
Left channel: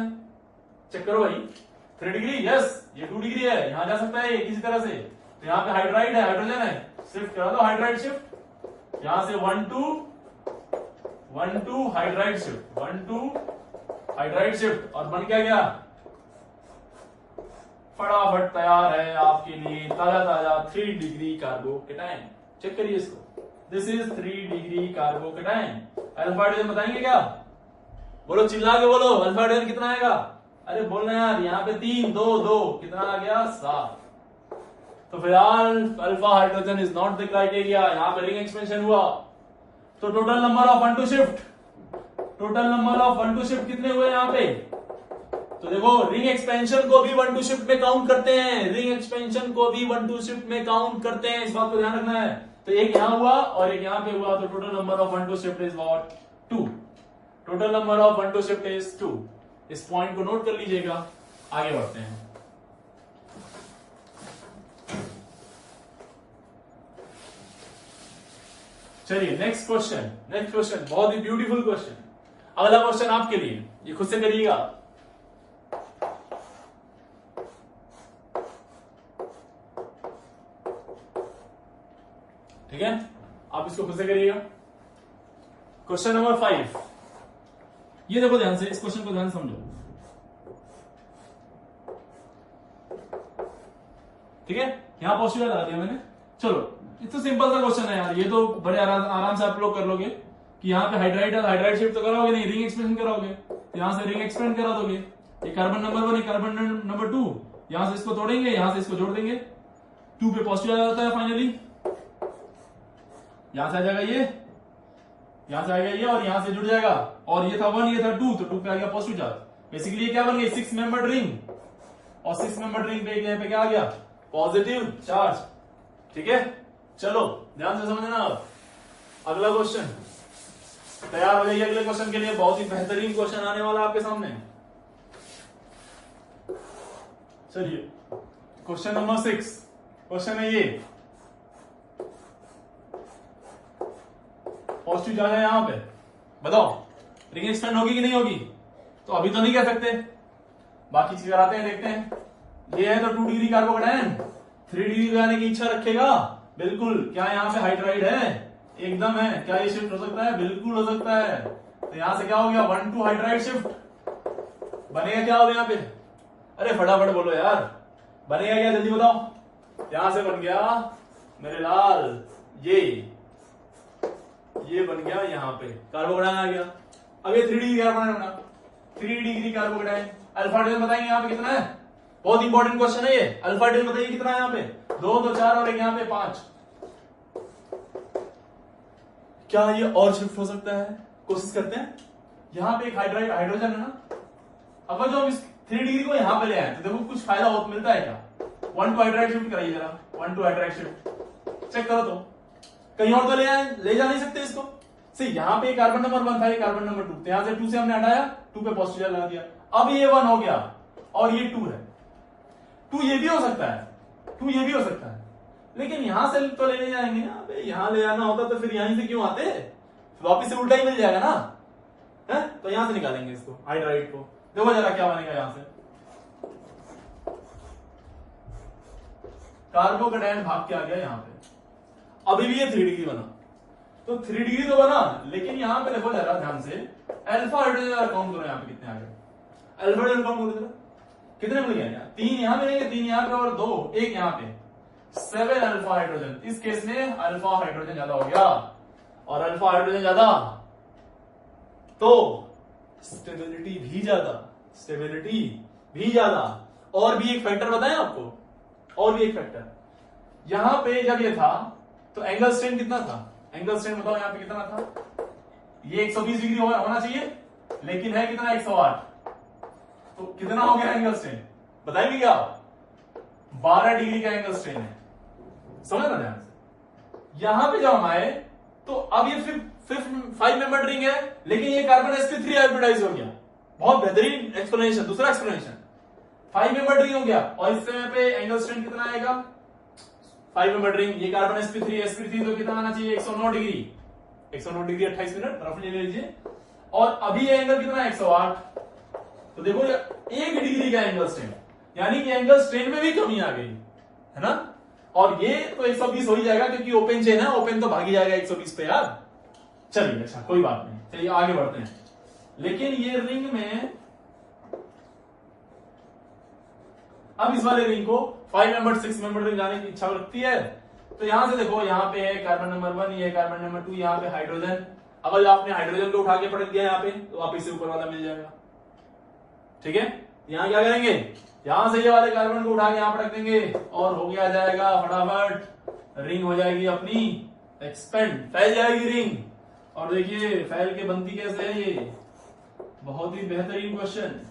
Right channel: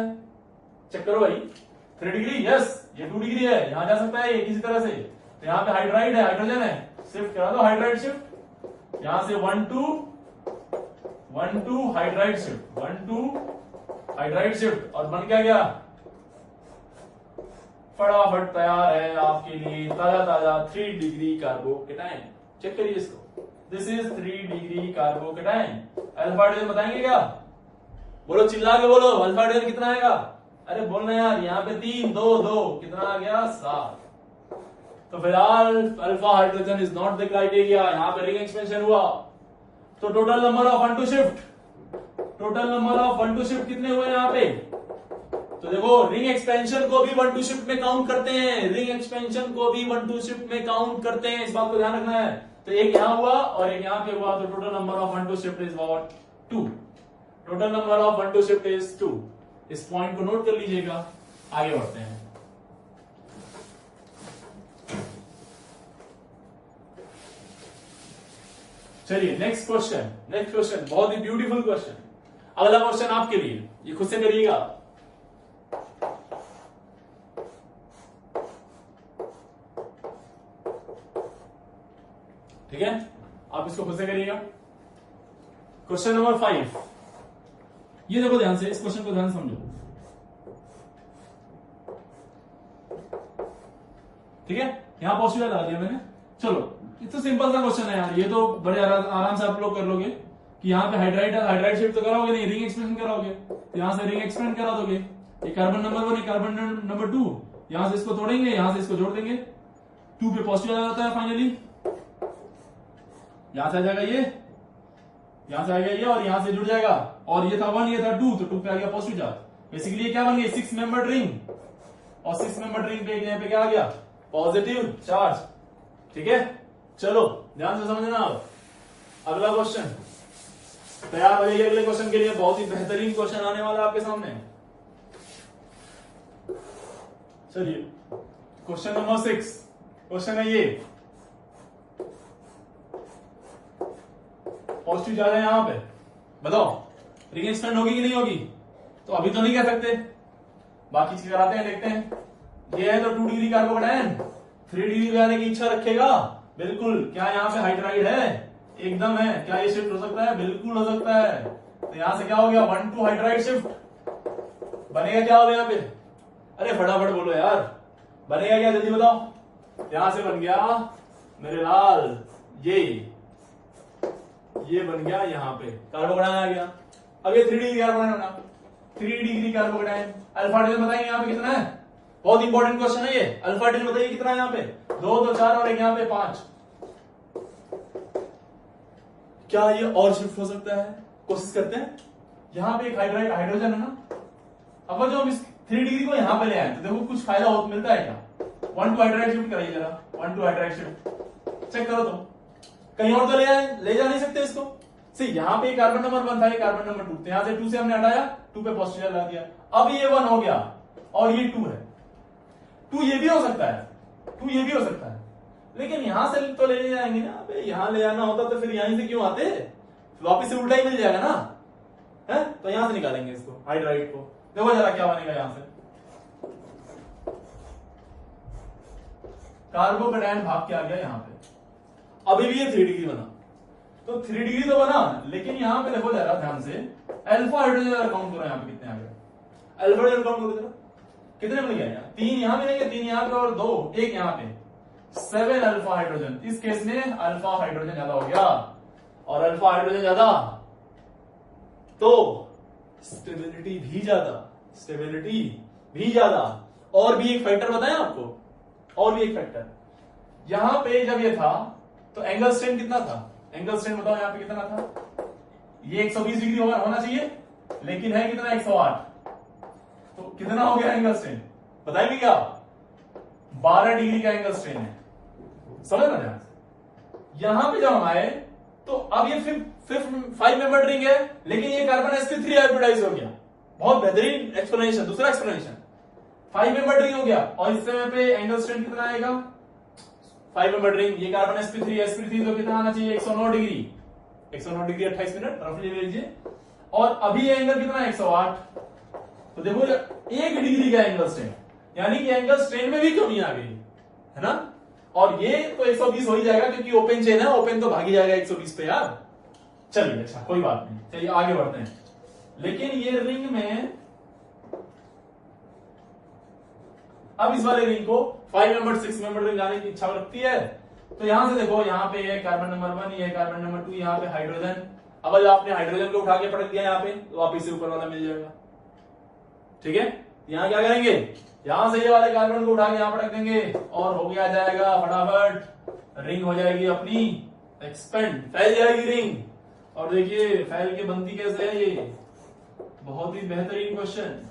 चेक करो भाई, 3 डिग्री, यस ये 2 डिग्री है, यहां जा सकता है ये किसी तरह से। तो यहाँ पे हाइड्राइड है, हाइड्रोजन है, शिफ्ट करा दो हाइड्राइड शिफ्ट, यहां से 1 2 हाइड्राइड शिफ्ट, 1 2 हाइड्राइड शिफ्ट, और बन क्या गया, फटाफट तैयार है आपके लिए ताजा ताजा 3 डिग्री कार्बोकेटायन। चेक करिए इसको, this is 3 degree carbocation. Alpha hydrogen बताएंगे क्या, बोलो चिल्ला के बोलो, अल्फा हाइड्रोजन कितना आएगा, अरे बोलना यार, यहाँ पे 3 2 2 कितना आ गया, 7। तो फिलहाल alpha hydrogen is not the criteria, यहाँ पे रिंग एक्सपेंशन हुआ। तो total number of 1 2 shift, total number of 1 2 shift कितने हुए यहाँ पे, तो देखो रिंग एक्सपेंशन को भी 1 2 शिफ्ट में काउंट करते हैं, रिंग एक्सपेंशन को भी 1 2 शिफ्ट में काउंट करते हैं, इस बात को ध्यान रखना है। तो एक यहां हुआ और एक यहां पे हुआ, तो total number of 1 2 shift is what, 2। Total number of 1 2 shift is 2। इस पॉइंट को नोट कर लीजिएगा, आगे बढ़ते हैं। चलिए नेक्स्ट क्वेश्चन, नेक्स्ट क्वेश्चन बहुत ही ब्यूटीफुल क्वेश्चन। अगला क्वेश्चन आपके लिए, ये खुद से करिएगा। ठीक है, आप इसको खुद से करिएगा। क्वेश्चन नंबर 5, ये देखो ध्यान से, इस क्वेश्चन को ध्यान समझो, ठीक है। यहां पॉजिटिव लगा दिया मैंने, चलो ये तो सिंपल सा क्वेश्चन है यार, ये तो बड़े आराम से आप लोग कर लोगे कि यहाँ पे हाइड्राइड है, हाइड्राइड शिफ्ट तो करोगे नहीं, रिंग एक्सपेंशन करोगे, तो यहां से रिंग एक्सपेंड करा दोगे, ये कार्बन नंबर 1 कार्बन नंबर 2, यहां से इसको तोड़ेंगे, यहां से इसको जोड़ देंगे, 2 पे पॉजिटिव आ जाता है फाइनली, यहां से आ जाएगा ये, यहां से आएगा ये और यहां से जुड़ जाएगा, और ये था 1 ये था 2, तो 2 पे आ गया पॉजिटिव चार्ज। बेसिकली ये क्या बन गई, 6 मेंबर्ड रिंग, और 6 मेंबर्ड रिंग पे यहाँ पे क्या आ गया, पॉजिटिव चार्ज, ठीक है। चलो ध्यान से समझना। अब अगला क्वेश्चन, तैयार हो जाइए अगले क्वेश्चन के लिए, बहुत ही बेहतरीन क्वेश्चन आने वाला है आपके सामने। चलिए क्वेश्चन नंबर 6, क्वेश्चन है ये, पॉजिटिव चार्ज है यहां पे, बताओ रिंग एक्सपेंड होगी कि नहीं होगी, तो अभी तो नहीं कह सकते, बाकी चीज कराते हैं, देखते हैं। ये है तो 2 डिग्री कार्बोकेटायन, 3 डिग्री जाने की इच्छा रखेगा, बिल्कुल। क्या यहाँ पे हाइड्राइड है, एकदम है, क्या ये शिफ्ट हो सकता है, बिल्कुल हो सकता है। तो यहां से क्या हो गया, 1 2 हाइड्राइड शिफ्ट बनेगा, क्या होगा यहाँ पे, अरे फटाफट बोलो यार, बनेगा क्या, जल्दी बताओ। यहां से बन गया मेरे लाल, ये बन गया, यहाँ पे कार्बोकेटायन आ गया। अब ये 3 डिग्री कार्बोकेटायन बना, 3 डिग्री कार्बोकेटायन। अल्फा हाइड्रोजन बताएंगे यहाँ पे कितना है, बहुत इंपॉर्टेंट क्वेश्चन है ये। अल्फा हाइड्रोजन बताइए कितना है यहाँ पे, 2 2 4 और एक यहाँ पे 5। क्या ये और शिफ्ट हो सकता है, कोशिश करते हैं। यहाँ पे एक हाइड्रोजन है ना, अगर जो हम इस 3 डिग्री को यहाँ पे ले आए तो देखो कुछ फायदा हो मिलता है क्या, 1 2 हाइड्राइड शिफ्ट कराइए जरा, 1 2 हाइड्राइड शिफ्ट चेक करो, तो कहीं और तो ले जा नहीं सकते इसको। सी यहाँ पे कार्बन नंबर 1 था, ये कार्बन नंबर 2, तो यहां से 2 से हमने हटाया, 2 पे पॉजिटिव लगा दिया, अब ये 1 हो गया और ये 2 है। 2 ये भी हो सकता है, 2 ये भी हो सकता है, लेकिन यहां से तो लेने जाएंगे ना, अबे यहां ले आना होता तो फिर यहीं से क्यों आते, वापिस से उल्टा ही मिल जाएगा ना, है? तो यहां से निकालेंगे इसको, हाइड्राइड को। देखो जरा क्या बनेगा यहां से, कार्बोकेटायन भाग के आ गया यहाँ पे, अभी भी ये 3 डिग्री बना, तो 3 डिग्री तो बना, लेकिन यहां पे देखो जरा ध्यान से, अल्फा हाइड्रोजन काउंट करो यहाँ पे कितने आ गए, अल्फा हाइड्रोजन काउंट करो जरा, कितने मिल गया, 3 यहां मिलेंगे, 3 यहां पे और 2 1 यहां पे, 7 अल्फा हाइड्रोजन। इस केस में अल्फा हाइड्रोजन ज्यादा हो गया, और अल्फा हाइड्रोजन ज्यादा तो स्टेबिलिटी भी ज्यादा, स्टेबिलिटी भी ज्यादा। और भी एक फैक्टर बताएं आपको, और भी एक फैक्टर, यहां पे जब ये था तो एंगल स्ट्रेन कितना था? एंगल स्ट्रेन बताओ यहां पे कितना था? ये 120 डिग्री होना चाहिए, लेकिन है कितना? 108। तो कितना हो गया एंगल स्ट्रेन? बताएंगे क्या? 12 डिग्री का एंगल स्ट्रेन है। समझ ना ध्यान से। यहां पे जब हम आए तो अब ये 5 मेंबर रिंग है, लेकिन ये कार्बन sp3 हाइब्रिडाइज हो गया। बहुत बेहतरीन एक्सप्लेनेशन, दूसरा एक्सप्लेनेशन। 5 मेंबर रिंग हो गया, और इस समय पे एंगल स्ट्रेन कितना आएगा? 5 मेंबर रिंग, ये कार्बन sp3 तो कितना आना चाहिए? 109 डिग्री। 109 डिग्री 28 मिनट रफली ले लीजिए। और अभी एंगल कितना है? 108। तो देखो 1 डिग्री का एंगल स्ट्रेन, यानी कि एंगल स्ट्रेन में भी कमी आ गई है ना। और ये तो 120 हो ही जाएगा, क्योंकि ओपन चेन है, ओपन तो भागी जाएगा 120 पे यार। चलिए अच्छा कोई बात नहीं, चलिए आगे बढ़ते हैं। लेकिन ये रिंग में अब इस वाले रिंग को 5 मेंबर 6 मेंबर रिंग आने की इच्छा रखती है। तो यहां से देखो, यहां पे है कार्बन नंबर 1, ये कार्बन नंबर 2, यहां पे हाइड्रोजन। अगर आपने हाइड्रोजन को उठा के पटक दिया यहां पे, तो आप इसे ऊपर वाला मिल जाएगा। ठीक है, यहां क्या करेंगे? यहां से ये वाले कार्बन को उठा के यहां पटक देंगे, और हो गया जाएगा फटाफट, रिंग हो जाएगी अपनी एक्सपेंड, फैल जाएगी रिंग। और देखिए फैल के बनती कैसे है, ये बहुत ही बेहतरीन क्वेश्चन।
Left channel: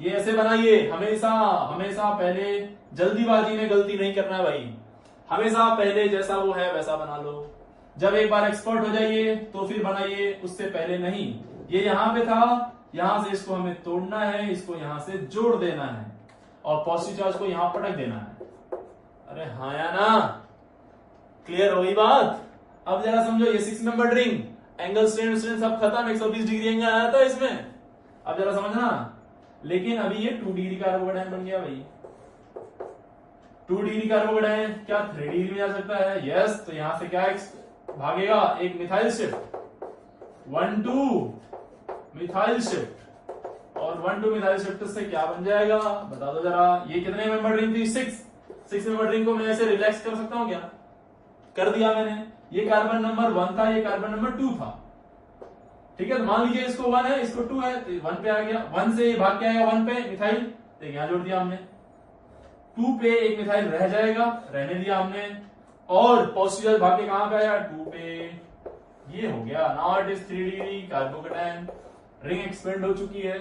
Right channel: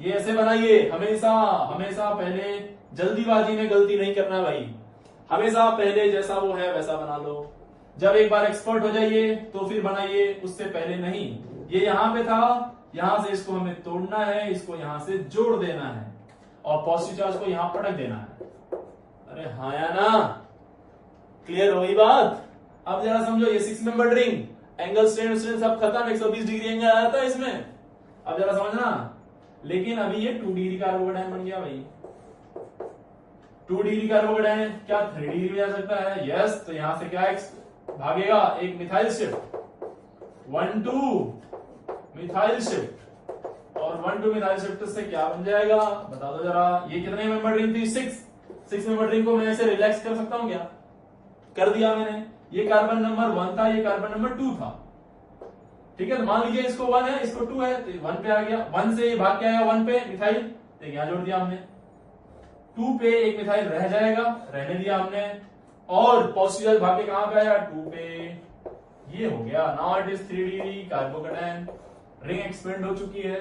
ये ऐसे बनाइए, हमेशा हमेशा पहले जल्दीबाजी में गलती नहीं करना है भाई। हमेशा पहले जैसा वो है वैसा बना लो। जब एक बार एक्सपर्ट हो जाइए तो फिर बनाइए, उससे पहले नहीं। ये यहां पे था, यहां से इसको हमें तोड़ना है, इसको यहां से जोड़ देना है, और पॉजिटिव चार्ज को यहां पटक देना है। अरे हाँ या ना? क्लियर हुई बात? अब जरा समझो, ये 6 मेंबर रिंग, एंगल स्ट्रेन सब खत्म, 120 डिग्री एंगल आया था इसमें। अब जरा समझना, लेकिन अभी ये 2 डिग्री कार्बोकेटायन बन गया भाई। 2 डिग्री कार्बोकेटायन क्या 3 डिग्री में जा सकता है? यस। तो यहां से क्या भागेगा? एक मिथाइल शिफ्ट, 1,2 मिथाइल शिफ्ट, और 1,2 मिथाइल शिफ्ट से क्या बन जाएगा? बता दो जरा। ये कितने मेंबर रिंग थी? 6 मेंबर रिंग को मैं ऐसे रिलैक्स कर सकता हूं क्या? कर दिया मैंने। ये कार्बन नंबर 1 था, ये कार्बन नंबर 2 था। ठीक है, तो मान लीजिए इसको 1 है, इसको 2 है, तो 1 पे आ गया। 1 से भाग के आया 1 पे मिथाइल, तो यहां जोड़ दिया हमने। 2 पे एक मिथाइल रह जाएगा, रहने दिया हमने, और पॉजिटिव भाग के कहां पे आया? 2 पे। ये हो गया। Now it is 3 degree carbocation, ring expand हो चुकी है।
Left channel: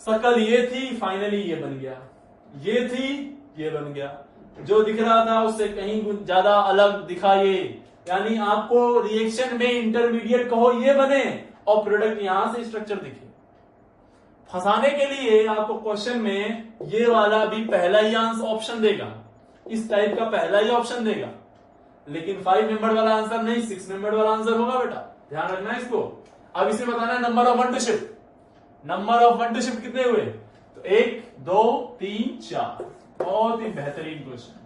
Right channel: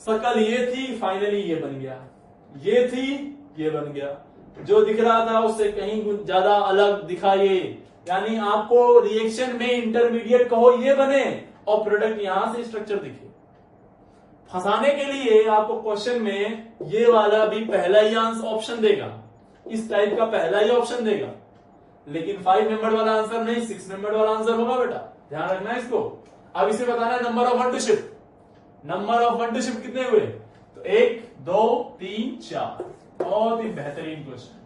सर्कल ये थी, फाइनली ये बन गया। ये थी, ये बन गया। जो दिख रहा था उससे कहीं ज्यादा अलग दिखा ये, यानी आपको रिएक्शन में इंटरमीडिएट कहो ये बने, और प्रोडक्ट यहां से स्ट्रक्चर दिखे। फंसाने के लिए आपको क्वेश्चन में ये वाला भी पहला ही आंसर ऑप्शन देगा, इस टाइप का पहला ही ऑप्शन देगा, लेकिन 5 मेंबर वाला आंसर नहीं, 6 मेंबर वाला आंसर होगा बेटा। ध्यान रखना है इसको। अब इसे बताना है number of 1 two shift. Number of 1 two shift कितने हुए? तो 1 2 3 4। बहुत ही बेहतरीन क्वेश्चन।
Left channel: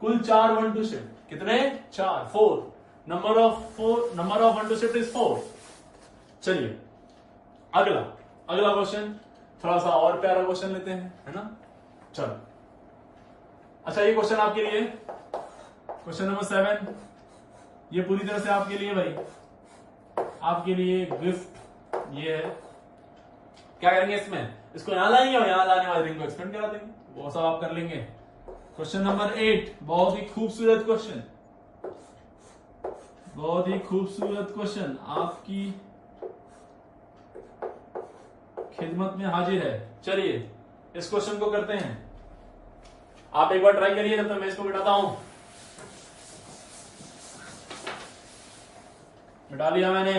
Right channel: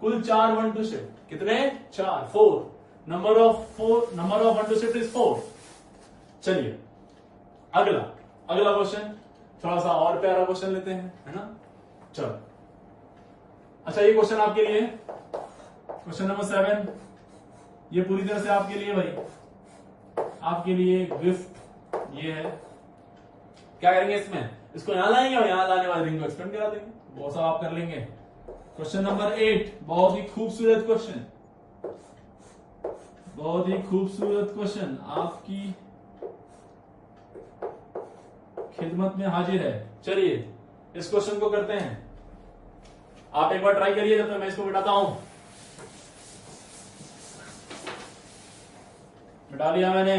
कुल 4 1 टू शिफ्ट, कितने? 4, 4। Number of 1 two shift is 4। चलिए अगला क्वेश्चन, थोड़ा सा और प्यारा क्वेश्चन लेते हैं, है ना। चलो अच्छा, ये क्वेश्चन आपके लिए, क्वेश्चन नंबर 7, ये पूरी तरह से आपके लिए भाई, आपके लिए गिफ्ट ये है। क्या करेंगे इसमें? इसको यहां लाएंगे और यहां लाने वाले रिंग को एक्सपेंड करा देंगे, वो सब आप कर लेंगे। क्वेश्चन नंबर 8, बहुत ही खूबसूरत क्वेश्चन, बहुत ही खूबसूरत क्वेश्चन आपकी खिदमत में हाजिर है। चलिए इस क्वेश्चन को करते हैं। आप एक बार ट्राई करिए, जब तक मैं इसको मिटाता हूं। मिटा लिया मैंने,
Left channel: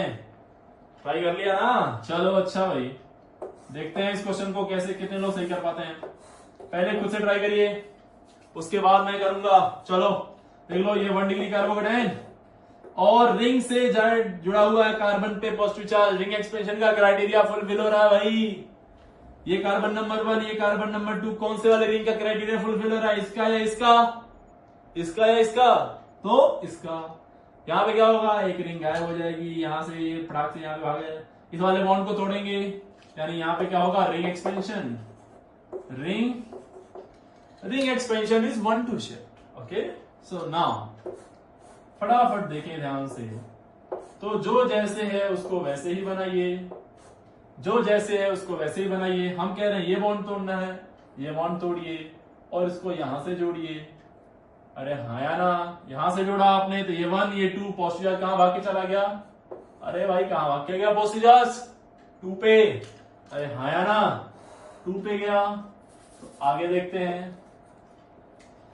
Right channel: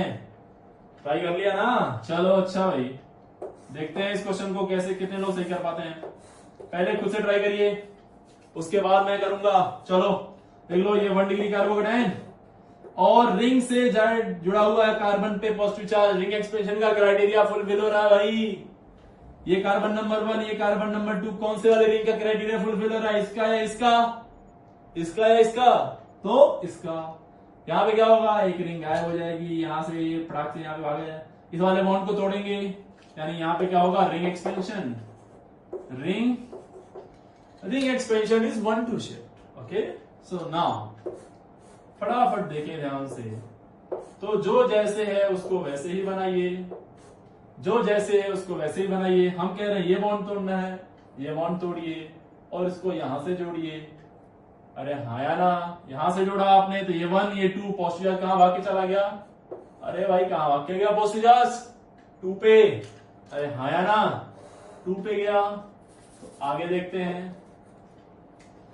ट्राई कर लिया ना। चलो अच्छा भाई, देखते हैं इस क्वेश्चन को कैसे, कितने लोग सही कर पाते हैं। पहले खुद से ट्राई करिए, उसके बाद मैं करूंगा। चलो देख लो, ये 1 डिग्री कार्बोकेटायन और रिंग से जुड़ा हुआ है कार्बन पे पॉजिटिव चार्ज। रिंग एक्सपेंशन का क्राइटेरिया फुलफिल हो रहा है भाई। ये कार्बन नंबर 1, ये कार्बन नंबर 2, कौन से वाले रिंग का क्राइटेरिया फुलफिल हो रहा है? इसका या इसका? इसका या इसका? तो इसका। यहां पे क्या होगा? एक रिंग गायब हो जाएगी, यहां से ये फटाक से यहां पे भाग जाए। इस वाले बॉन्ड को तोड़ेंगे, यानी यहां पे क्या होगा? Ring expansion, ring ring expansion is 1 to shift। Okay, so now फटाफट देखिए ध्यान से। तो जो जैसे है उसको वैसे ही बनाइए, जो जैसे है उसको वैसे ही बनाइए। हम कह रहे हैं ये बॉन्ड तोड़ना है, ये बॉन्ड तोड़िए और इसको यहां से जोड़िए। अरे हाँ या ना, यहां से जोड़ा आपने तो ये 1 ये 2 पॉजिटिव चार्ज कहां भाग के चला गया? अरे भाई कहां भाग के गया पॉजिटिव चार्ज? 2 पे। अरे हाँ या ना, 2 पे गया। तो आगे देखते हैं।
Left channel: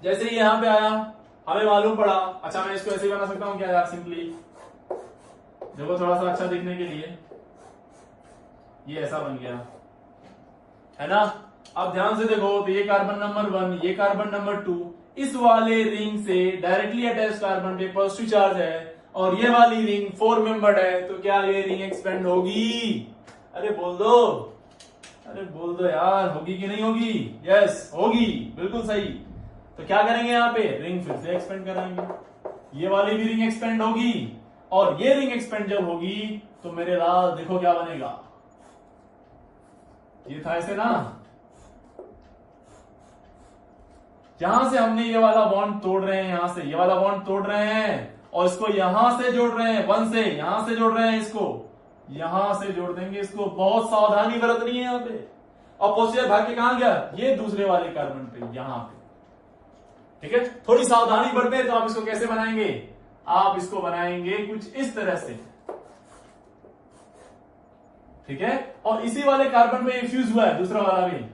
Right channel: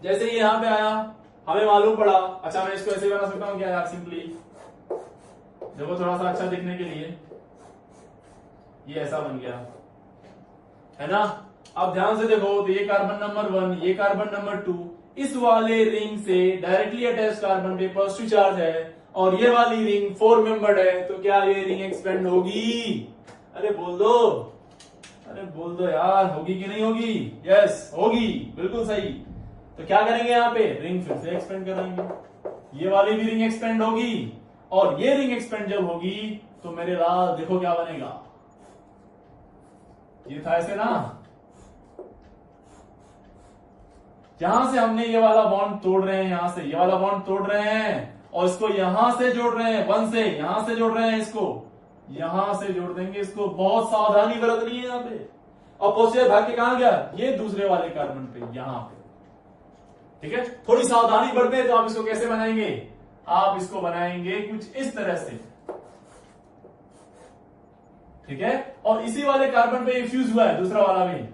जैसे ही यहां पे आया हमें मालूम पड़ा, अच्छा मैं इसको ऐसे बना सकता हूं क्या यार? सिंपली देखो थोड़ा सा अच्छा दिखने के लिए ये ऐसा बन गया है ना। अब ध्यान से देखो तो ये कार्बन नंबर 1 ये कार्बन नंबर 2 इस वाले रिंग से डायरेक्टली अटैच कार्बन पे पॉजिटिव चार्ज है और ये वाली रिंग 4 मेंबर्ड है। तो क्या ये रिंग एक्सपेंड होगी? अरे बोल दो, अरे बोल दो यार, होगी कि नहीं होगी? यस होगी, बिल्कुल सही। तो क्या करेंगे यहाँ पे? रिंग फिर से एक्सपेंड कराएंगे, ये वाली भी रिंग एक्सपेंड होगी और ये रिंग एक्सपेंड जब होगी तो मेरे लाल देखो क्या बनेगा। ये था ऐसे ना, यहां से हमने ये वाला बॉन्ड तोड़ रहे हैं, यहां से ये वाला बॉन्ड तोड़ रहे हैं और इसको यहां से जोड़ रहे हैं, 1 से यहां से जोड़ रहे हैं, इसको यहां से जोड़ देंगे। इसको बहुत सावधानी बरतनी है यहाँ पे। और पॉजिटिव भाग के कहां गया? ये दूसरे वाले कार्बन पे, यहां पे। ठीक है, थोड़ी सावधानी बरते तो आप इसको कैसे बनाएंगे? आप इसको बनाएंगे कुछ इस तरह से, ठीक है। और इसी वाले कार्बन पे फ्यूज हुआ है दूसरा वाला भी,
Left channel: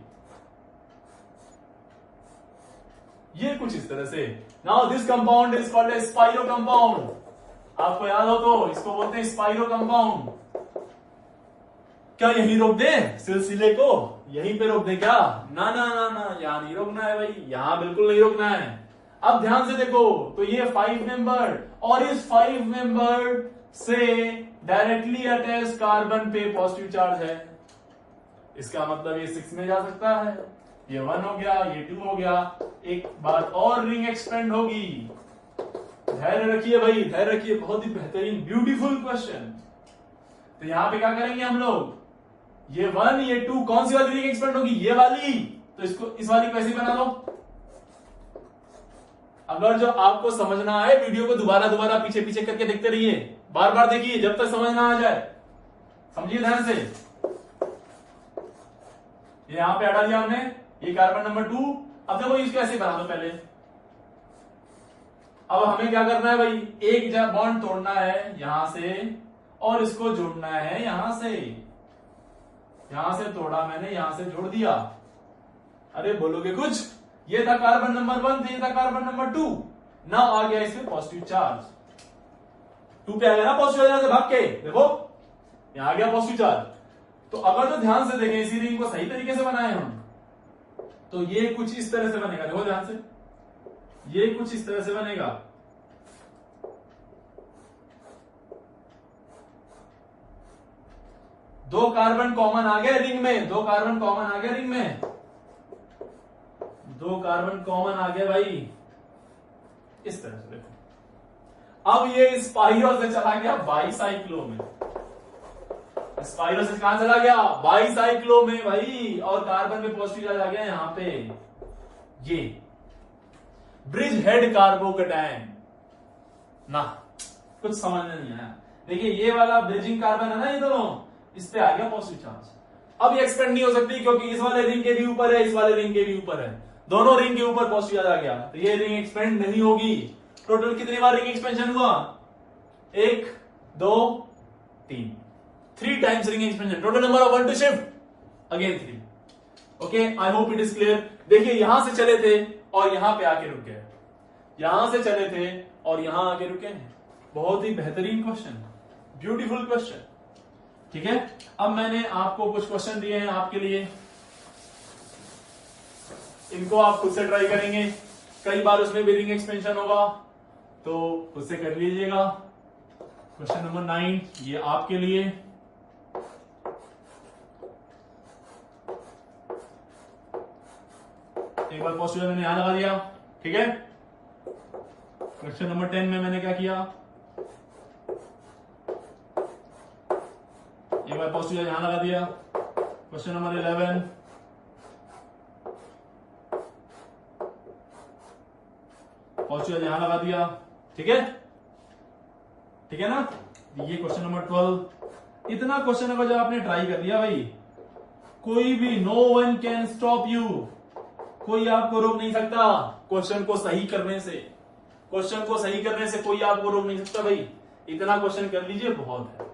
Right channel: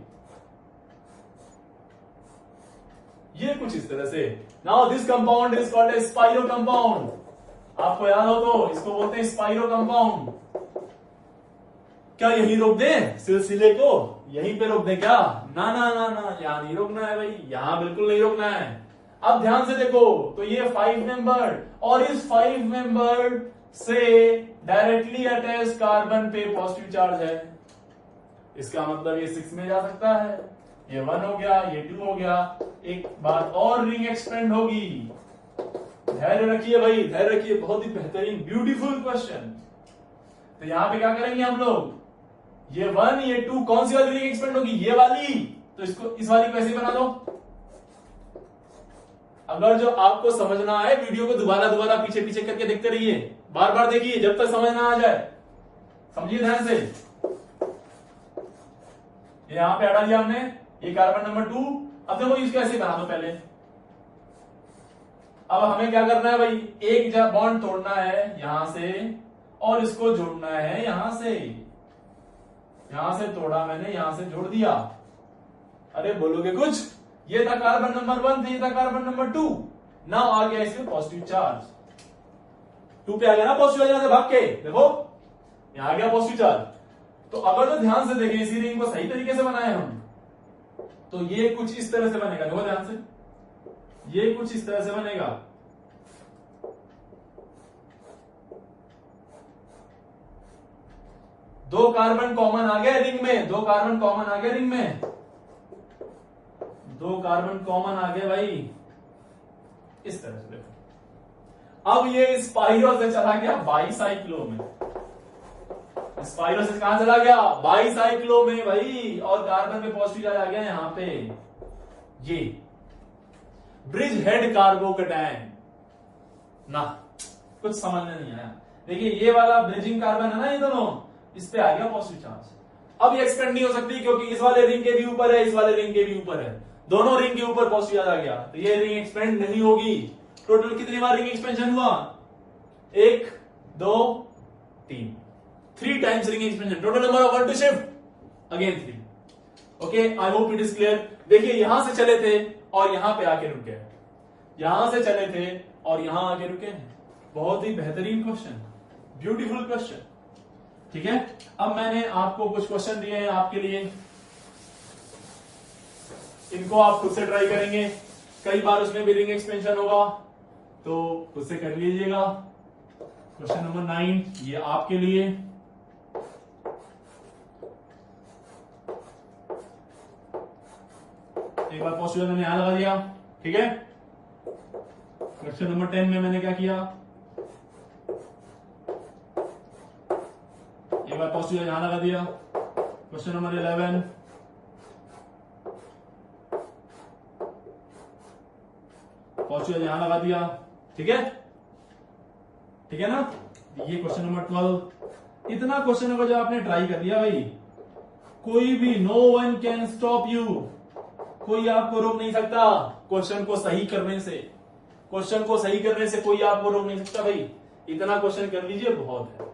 ये कुछ इस तरह से। Now this compound is called a spiro compound. आपको याद हो तो इसको बोलते हैं स्पाइरो कंपाउंड। क्या यहीं रोक दें सिलसिले को? यहीं पे रोक दें क्या? ना ना ना ना, यहां नहीं रोकना है भाई, यहां बिल्कुल नहीं रोकना है। अब ध्यान से देखो तो ये 5 मेंबर्ड और इस 5 मेंबर्ड से डायरेक्टली अटैच कार्बन पे पॉजिटिव चार्ज है। इसका मतलब ये 6 में जा सकता है, ये 1 हो गया, ये 2 हो गया। एक बार और रिंग एक्सपेंड होगी। धैर्य रखिए भाई, धैर्य रखिए, बहुत ही बेहतरीन ब्यूटीफुल क्वेश्चन। तो यहां पे क्या करेंगे हम लोग? ये 1 ये 2 कौन सी वाली रिंग एक्सपेंड होगी? ये वाली। तो इसको इस वाली को ऐसे बना दो। अगर जो आपको समझना है वीडियो को दोबारा दोबारा पीछे पीछे करके देखते रहिए, बार बार देखिए जब तक समझ ना आ जाए। समझिए ध्यान से। यहां पे हटा दिया हमने ये कार्बन नंबर 2। अब देखो इसको ऐसे बना दो पहले। अब हमें क्या करना है भाई? एक बॉन्ड तोड़ना है यहां से और इसको जोड़ना है यहां से। यहां से तोड़ा मैंने, यहां से जोड़ दिया। अरे बोलोगे कुछ? ये था कार्बन नंबर 1 ये था कार्बन नंबर 2। नाउ आ गया इसमें पॉजिटिव चार्ज। 2 पे आ गया ना पॉजिटिव चार्ज से भाग के, देखो यहां आ गया पॉजिटिव चार्ज। तो अगर जो ध्यान से देखें इसी रिंग को सही तरीके से बनाए हम, तो ये कुछ इस तरह से बनेगा। देखो ध्यान से, ये कुछ इस तरह से बनेगा। दो कार्बन कॉमन आ गए रिंग में, 2 कार्बन कॉमन आ गए रिंग में, 2 कार्बन कॉमन आ गए भाई, इस तरह से। देखो अब ये स्पाइरो से चला गया बाईसाइक्लो में। स्पाइरो से कहां चला गया? बाईसाइक्लो में भाई। और कार्बन में पॉजिटिव चार्ज आ गया यहां पे। ये ब्रिज हेड कार्बोकैटायन ना, कुछ समझ में नहीं आया। देखिए ये वाला ब्रिजिंग कार्बन है ना, ये दोनों, इस पे आ गया पॉजिटिव चार्ज। अब ये एक्सपेंड नहीं हो सकती क्योंकि इस वाले रिंग के भी ऊपर है, इस वाले रिंग के भी ऊपर है, दोनों रिंग के ऊपर पॉजिटिव चार्ज आ गया। तो ये रिंग एक्सपेंड नहीं होगी। टोटल कितनी बार रिंग एक्सपेंशन हुआ? 1 2 3, 3 times ring expansion. Total number of 1 to shift again 3। Okay, I hope it is clear. देखिए यहां से चले थे और यहां पे आके रुक गए, यहां से चले थे और यहां आके रुके। बहुत ही बेहतरीन क्वेश्चन, ब्यूटीफुल क्वेश्चन। ठीक है, अब मैंने आपको कुछ क्वेश्चन दिए हैं आपके लिए, इनको आप खुद से ट्राई करेंगे। कई बार उसमें भी रिंग एक्सपेंशन होगा तो खुद से कर लीजिएगा। क्वेश्चन नंबर 9 ये आपके लिए। एक बार पॉजिटिव मैंने यहां लगा दिया, ठीक है। क्वेश्चन नंबर 10 में मैंने क्या किया? एक बार पॉजिटिव यहां लगा दिया। क्वेश्चन नंबर 11 पॉजिटिव चार्ज यहां लगा दिया, ठीक है, ठीक है ना। ये क्वेश्चन नंबर 12। इतना क्वेश्चन अगर जब आपने ट्राई कर लिया भाई, कोई भी no one can stop you, कोई आपको रोक नहीं सकता क्वेश्चन को सही करने से, क्वेश्चन को सही करने से कोई आपको रोक नहीं सकता भाई। इतना क्वेश्चन कर लीजिए बहुत है।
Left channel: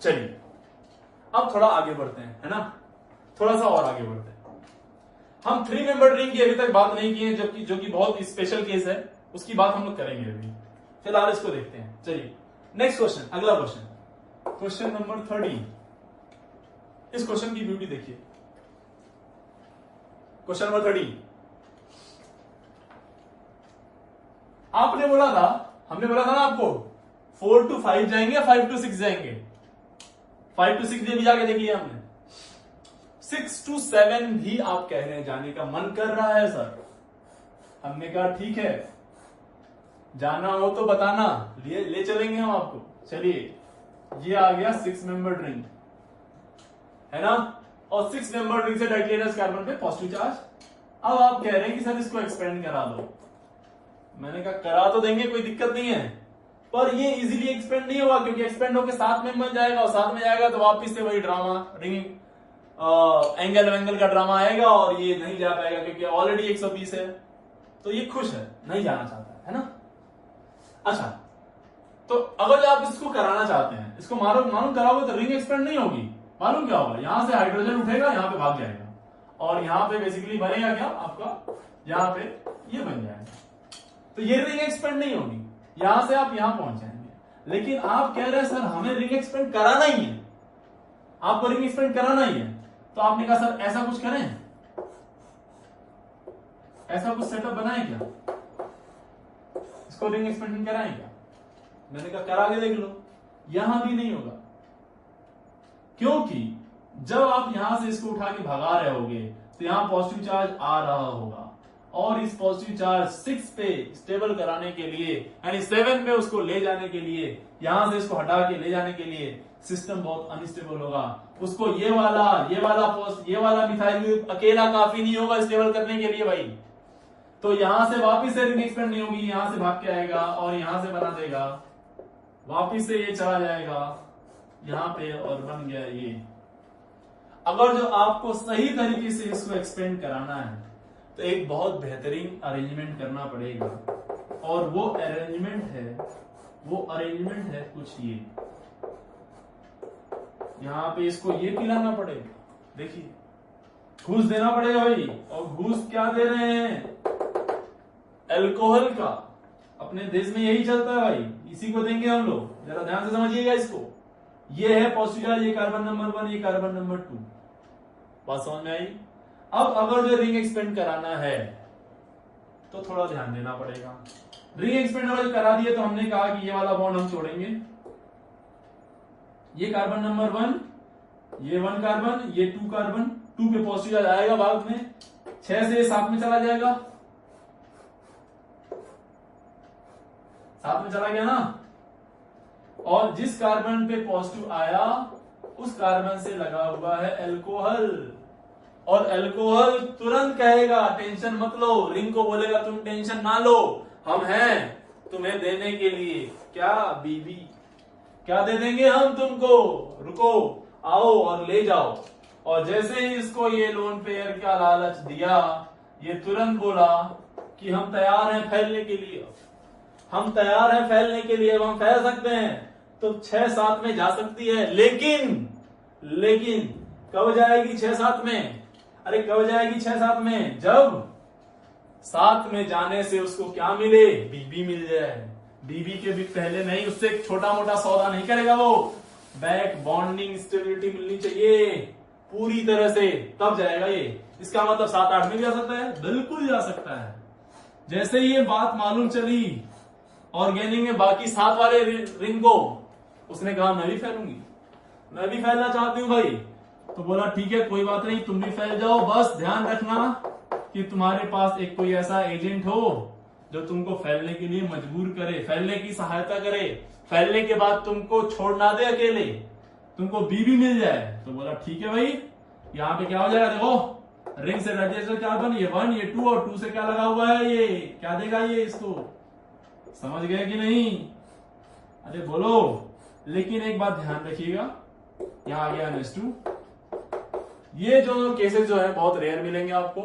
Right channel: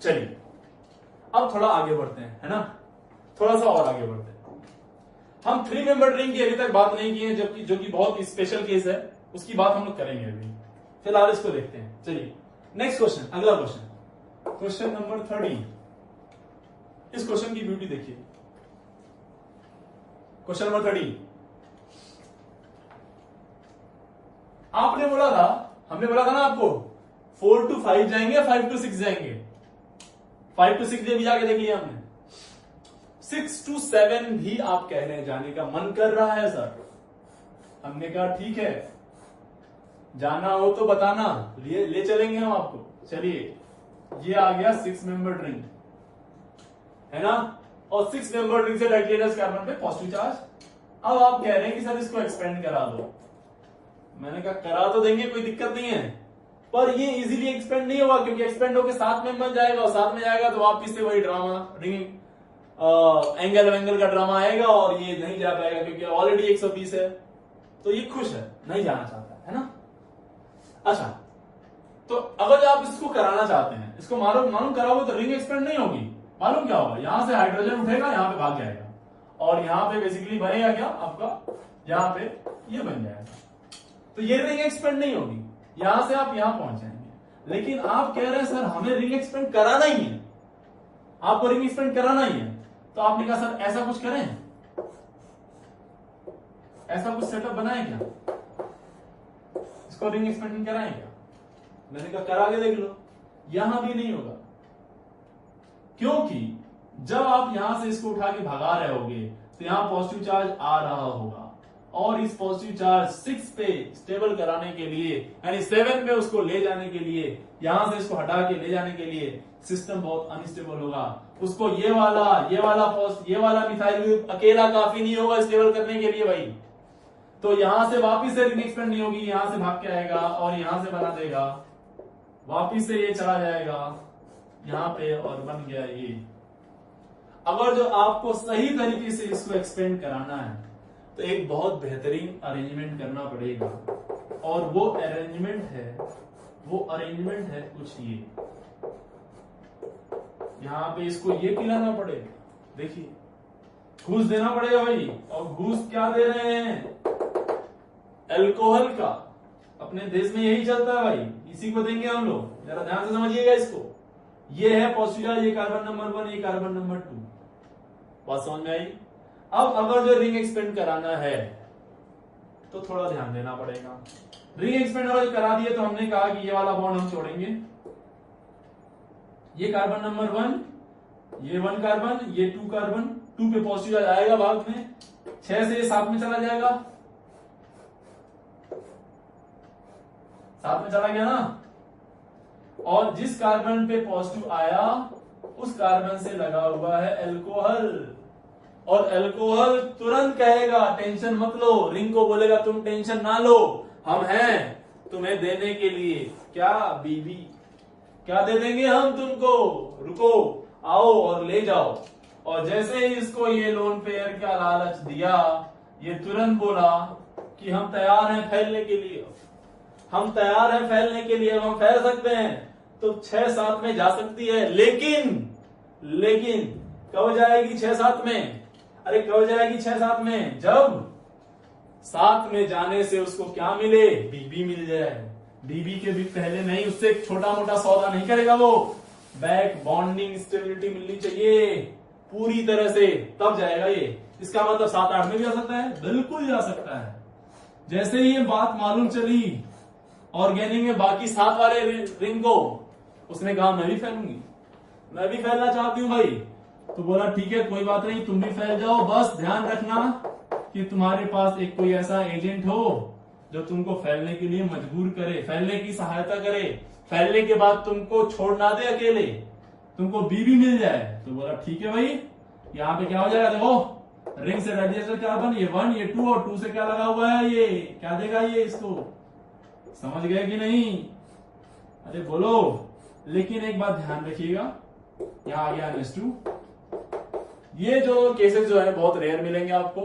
चलिए अब थोड़ा आगे बढ़ते हैं, है ना, थोड़ा सा और आगे बढ़ते हैं। हम 3 मेंबर रिंग की अभी तक बात नहीं की है, जबकि जो कि बहुत स्पेशल केस है, उसकी बात हम लोग करेंगे अभी। फिलहाल इसको देखते हैं। चलिए नेक्स्ट क्वेश्चन, अगला क्वेश्चन, क्वेश्चन नंबर 30। इस क्वेश्चन की ब्यूटी देखिए। क्वेश्चन नंबर 30, आपने बोला था, हमने बोला था ना आपको 4 to 5 जाएंगे, 5 to 6 जाएंगे। 5 to 6 भी जाके देख लिया हमने। 6 to 7 भी आप कह रहे हैं जाने का मन कर रहा है सर। हमने कहा ठीक है, जाना हो तो बताना, ले चलेंगे हम आपको। चलिए ये आ गया 6 मेंबर रिंग, है ना, और 6 मेंबर रिंग से टाइटेनियस कार्बन पे पॉजिटिव चार्ज। अब आप कह रहे हैं कि सर इसको एक्सपेंड करा दो। मैंने कहा करा तो देंगे, कोई दिक्कत नहीं है, पर ये इजीली एक्सपेंड नहीं होगा, क्योंकि एक्सपेंड होकर 7 में मत जाएगा, और 7 में जाएगा तो वापिस से वही ड्रामा, रिंग एंगल वेंगल का ड्रामा आएगा, और ये नहीं जा पाएगा क्योंकि ऑलरेडी 120 है। तो ये खुश है, नहीं जाना चाहता है ना। अच्छा, तो अगर आप इसको कराना चाहते हैं, इसको मालूम कराओगे तो रिंग एक्सपेंड नहीं होगी। मालूम क्या होगा, यहां से हाइड्रोजन उठेगा, यहां पे भाग जाएगा, और यहां पे बेसिकली बनेगा क्या आपका, यहां पे ये बन जाएगा। तो ये रिंग एक्सपेंड नहीं होगी, यहां से आप यहां पहुंच जाएंगे। लेकिन आप कह रहे हैं सर हमें रिंग एक्सपेंड कराना ही है, आपको रिंग एक्सपेंड कराना ही है। तो आपने कहा सर ऐसा कुछ करें, ऐसा कुछ सेटअप बनाए क्या, इसको रिंग एक्सपेंडिंग कराएं क्या। मैंने कहा करा के देख लो, यहां भी नहीं होगा, क्योंकि जब आप यहां से इसको उठा के भगा रहे होगे तो यहां पॉजिटिव चार्ज आ रहा होगा, और इस पॉजिटिव चार्ज 6 पे स्टेबल कराने के लिए, यानी 7 पे उसको ले जाने के लिए, यहां से इसको हटा के ले जाने के लिए सिस्टम बहुत अनस्टेबल होगा। उसको ये वाला मिथाइल ग्रुप अकेला काफी नहीं होगा स्टेबल करने के लिए भाई। तो यहां से वापिस से रिंग एक्सपेंड नहीं होगी, यहां से भाग के आएगा और यहां से बना देगा, वापिस से ये चला जाएगा यहां पे और बन गया ये। अगर जो आपको सही तरीके से इसको एक्सपेंड कराना है तो एक बहुत बेहतरीन अरेंजमेंट करना पड़ेगा, और वो अरेंजमेंट है कुछ ये, यहां पे इसको ये पिलाना पड़ेगा, देखिए घूस देना पड़ेगा भाई। और घूस क्या दे रहे हैं, अल्कोहल का। अपने देश में यही चलता है भाई, इसी को देंगे हम लोग, जरा ध्यान से समझिएगा इसको। ये है पॉजिटिव चार्ज, ये कार्बन नंबर 1, ये कार्बन नंबर 2, बात समझ में आई। अब अगर जो रिंग एक्सपेंड कराना है तो थोड़ा ध्यान देना पड़ेगा। रिंग एक्सपेंड अगर करा दिए तो हमने कहा कि ये वाला बॉन्ड हम छोड़ेंगे, ये कार्बन नंबर 1, ये 1 कार्बन, ये 2 कार्बन, 2 पे पॉजिटिव चार्ज आएगा बाद में, 6 से 7 में चला जाएगा, 7 में चला गया ना। और जिस कार्बन पे पॉजिटिव आया उस कार्बन से लगा हुआ है अल्कोहल, और अल्कोहल तुरंत कहेगा टेंशन मत लो, रिंग को बोलेगा तुम टेंशन ना लो, हम हैं तुम्हें देने के लिए, क्या बीबी, क्या दे देंगे हम तुमको, रुको आओ और ले जाओ। और जैसे ही इसको ये लोन पेयर का लालच दिया, ये तुरंत बोला कि हम तैयार हैं फैलने के लिए, हम तैयार हैं फैलने के लिए, अब हम फैल सकते हैं। तो 6-7 में जा सकती है, लेकिन कब जाएगी 6-7 में, अरे कब जाएगी 6-7 में, जब 7 में जाने से उसको क्या मिले, बीबी मिल जाए। बीबी के भी पहले नहीं, उससे एक छोटा मोटा सौदा नहीं करेगा वो, बैक बॉन्डिंग स्टेबिलिटी मिलनी चाहिए पूरी तरह से, तब जाएगा ये। इसका मतलब 7-8 में भी जा सकता है, बिल्कुल जा सकता है। जैसे ही ये बात मालूम चली ऑर्गेनिक में बाकी 7 वाले रिंग को, उसने कहा मैं भी फैलूंगी, मैं भी फैलना चाहती हूं भाई। तो बोला ठीक है कोई बात नहीं, तुम भी फैल जाओ, बस ध्यान रखना कि तुम्हारे पास एक कोई ऐसा एजेंट हो जो तुमको फैलने के लिए मजबूर करे, फैलने की सहायता करे, फैलने के बाद तुमको छोड़ ना दे अकेले, तुमको बीबी मिल जाए। तो बोला ठीक है भाई, यहाँ पे क्या हो जाएगा, देखो रिंग से डाइजेस्टर कार्बन, ये 1 ये 2 और 2 से क्या लगा हुआ है, ये क्या देगा ये इसको, समझ गए कि नहीं? अरे बोलो। लेकिन एक बात ध्यान रखिएगा, यहां आ गया NH2। ये जो केसेस जो है बहुत रेयर मिलेंगे आपको।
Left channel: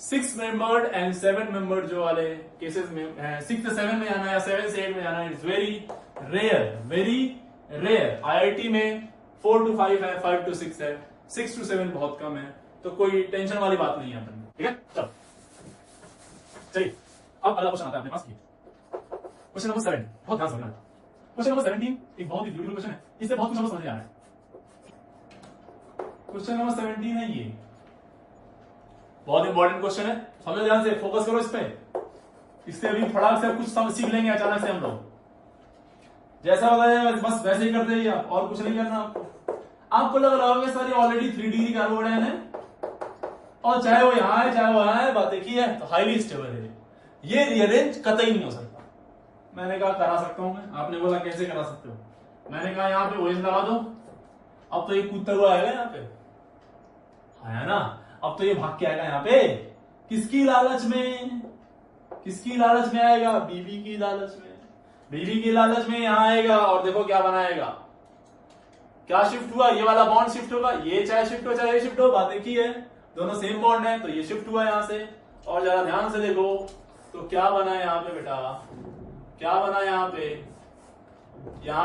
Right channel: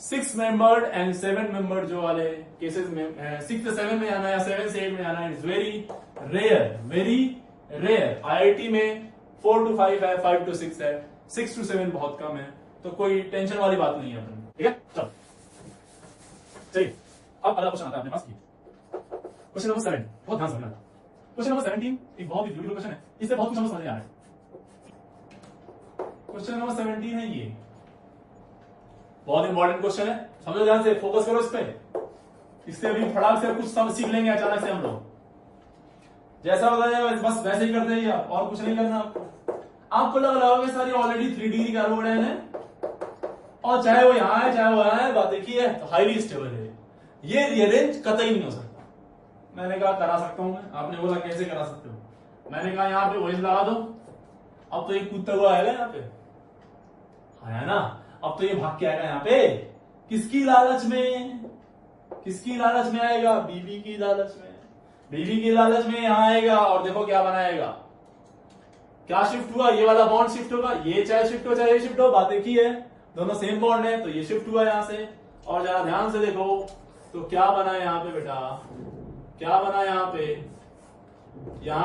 6 मेंबर्ड एंड 7 मेंबर्ड जो वाले केसेस में 6 से 7 में आना या 7 से 8 में आना, it's very rare, very rare. IIT में 4 to 5 है, 5 to 6 है, 6 to 7 बहुत कम है, तो कोई टेंशन वाली बात नहीं है अपन, ठीक है? चलो चलिए अब अगला क्वेश्चन आता है अपने पास। क्वेश्चन नंबर 7, बहुत ध्यान से समझना। क्वेश्चन नंबर 17 एक बहुत ही ब्यूटीफुल क्वेश्चन है, इससे बहुत कुछ समझ आ रहा है। क्वेश्चन नंबर 17 है ये, बहुत इंपॉर्टेंट क्वेश्चन है, समझो ध्यान से, फोकस करो इस पे। इससे अभी फटाक से कुछ सब सीख लेंगे अचानक से हम लोग। जैसा बताया बस वैसे ही करते हैं, और कुछ नहीं करना आपको। आपको लग रहा होगा सारी ऑलरेडी 3D कार्बोडाइन है, और चाहे वो यहां है चाहे वो यहां है, बात एक ही है, तो हाईली स्टेबल है। ये रीअरेंज कतई नहीं हो सकता। मैंने कहा करा सकता हूं मैं, आपने बोला कैसे करा सकते हो, मैंने कहा यहां पे OH लगा दो। अब तो ये कूदता हुआ आएगा यहाँ पे, आया ना? अब तो ये भाग के आएगा यहाँ पे, किसकी लालच में, किसकी लालच में आएगा? बीबी की लालच में। बीबी की लालच में यहां आएगा, और देखो क्या बनाएगा, क्या शिफ्ट हुआ, ये वाला बॉन्ड शिफ्ट होगा, ये चाहे शिफ्ट हो चाहे ये शिफ्ट हो, बात एक ही है, दोनों सेम बॉन्ड है, तो ये शिफ्ट हुआ यहां से। और जरा ध्यान से देखो तो क्या बना है यहाँ पे बेटा, क्या बना यहाँ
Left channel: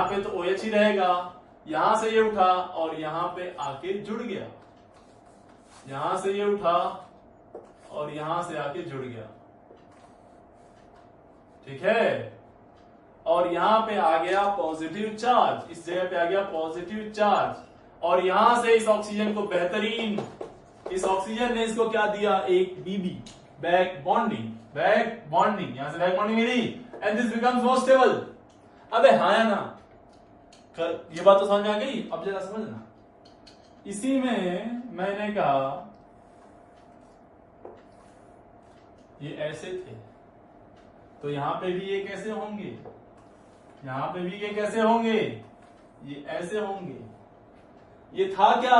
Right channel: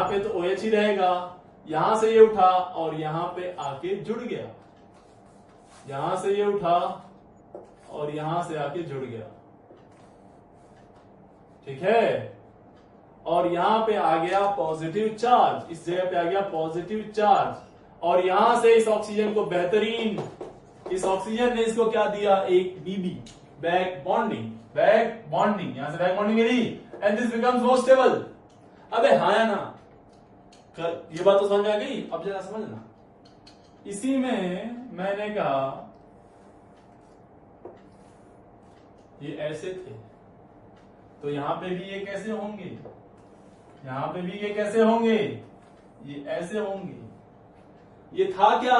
पे तो OH ही रहेगा, यहां से ये उठा और यहां पे आके जुड़ गया, यहां से ये उठा और यहां से आके जुड़ गया, ठीक है? और यहां पे आ गया पॉजिटिव चार्ज, इस जगह पे आ गया पॉजिटिव चार्ज, और यहां से इस ऑक्सीजन को बेहतरीन, इस ऑक्सीजन ने इसको क्या दिया, एक BB, back bonding, back bonding, यहां से बैक बॉन्डिंग मिली, and this becomes more stable. अबे हाँ या ना, ये बात तो समझ आ गई? अब जरा समझना, इसी में मैंने कहा ये ऐसे थे, तो यहां पे भी ये कैसे होंगे, यहां पे भी ये कैसे होंगे, ये ऐसे होंगे। ये था क्या,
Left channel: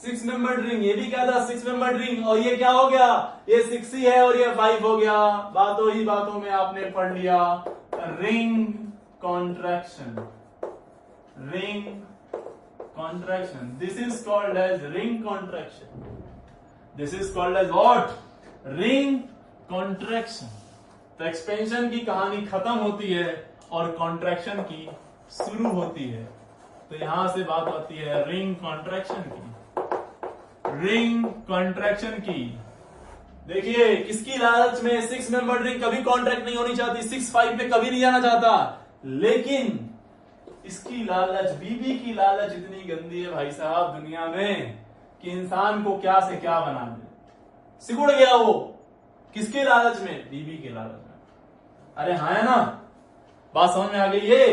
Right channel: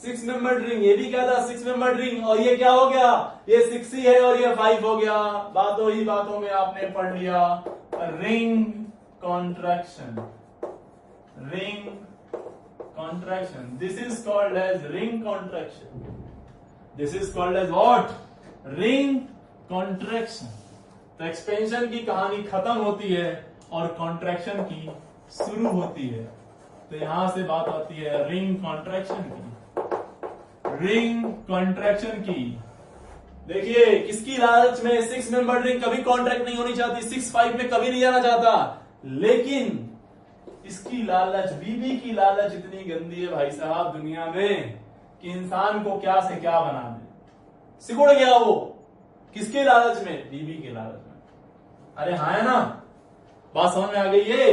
6 मेंबर्ड रिंग, ये भी क्या था, 6 मेंबर्ड रिंग, और ये क्या हो गया, ये 6 ही है और ये 5 हो गया। बातों ही बातों में आपने पढ़ लिया ring contraction, ring contraction, this is called as ring contraction, this is called as what, ring contraction. तो एक्सपेंशन की कहानी खत्म होती है और कॉन्ट्रैक्शन की शुरू होती है, तो यहां से बात होती है रिंग कॉन्ट्रैक्शन की, रिंग कॉन्ट्रैक्शन की। देखिए किसकी लालच में 6 मेंबर रिंग कभी कॉन्ट्रैक्ट नहीं होनी चाहती, 6-5 में कभी नहीं जाना चाहता, लेकिन इसकी लालच, बीबी की लालच इतनी गंदी है भाई साहब दुनिया में कि इंसान को क्या से क्या बना दे। सिकुड़ गया वो, किसके लालच में, बीबी के लालच में। अरे हाँ है ना, बात समझ में आ गई है?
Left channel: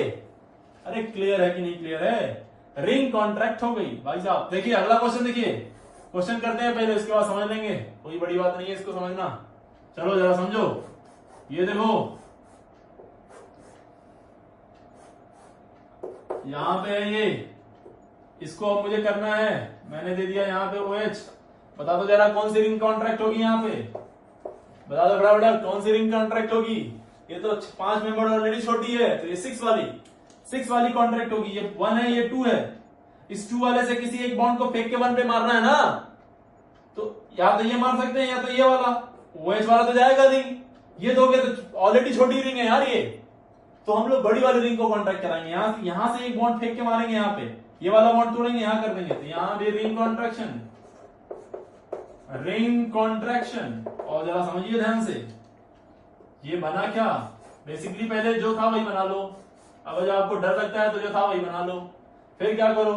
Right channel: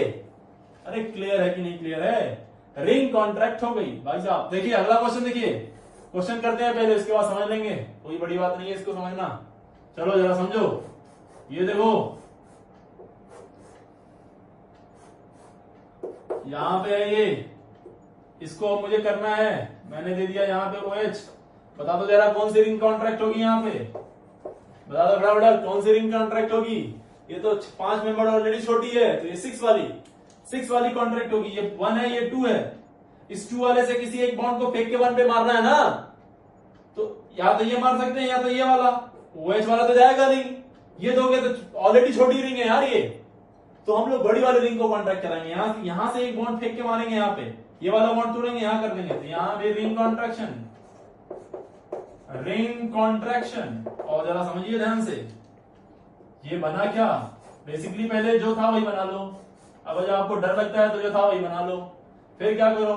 अरे क्लियर है कि नहीं क्लियर है? रिंग कॉन्ट्रैक्ट हो गई भाई साहब। देखिए अगला क्वेश्चन, देखिए क्वेश्चन करते हैं पहले, इसके बाद समझ लेंगे, कोई बड़ी बात नहीं है इसको समझना। चलो जरा समझो, ये देखो यहां पे है ये, इसको अब मुझे करना है, मैंने दे दिया यहाँ पे OH। बता दो जरा कौन सी रिंग कॉन्ट्रैक्ट होगी यहाँ पे, बता दो बड़ा बड़ा कौन सी रिंग कॉन्ट्रैक्ट होगी। ये तो 5 मेंबर ऑलरेडी छोटी है, तो ये 6 वाली कॉन्ट्रैक्ट होगी। ये 1 है, ये 2 है, इस 2 वाले से किसी एक बॉन्ड को फेंक के 1 पे मारना है ना, तो या तो ये मार सकते हैं या तो ये वाला, OH वाला तो जाएगा नहीं, ये दोगे तो ऑलरेडी छोटी रिंग है यार ये, तो हम लोग बड़ी वाली रिंग को कॉन्ट्रैक्ट कराएंगे। यहां से एक बॉन्ड फेंक के मारेंगे, यहाँ पे ये वाला बॉन्ड तोड़ेंगे, यहां कर देंगे, तो यहां पे रिंग कॉन्ट्रैक्शन, रिंग कॉन्ट्रैक्शन। और जरा समझिए ध्यान से, ये बना क्या, बेसिकली पहले जो था वही बना लो, अब जब आपको डर लगता है तो जो था वही बना लो। फिर क्या करो,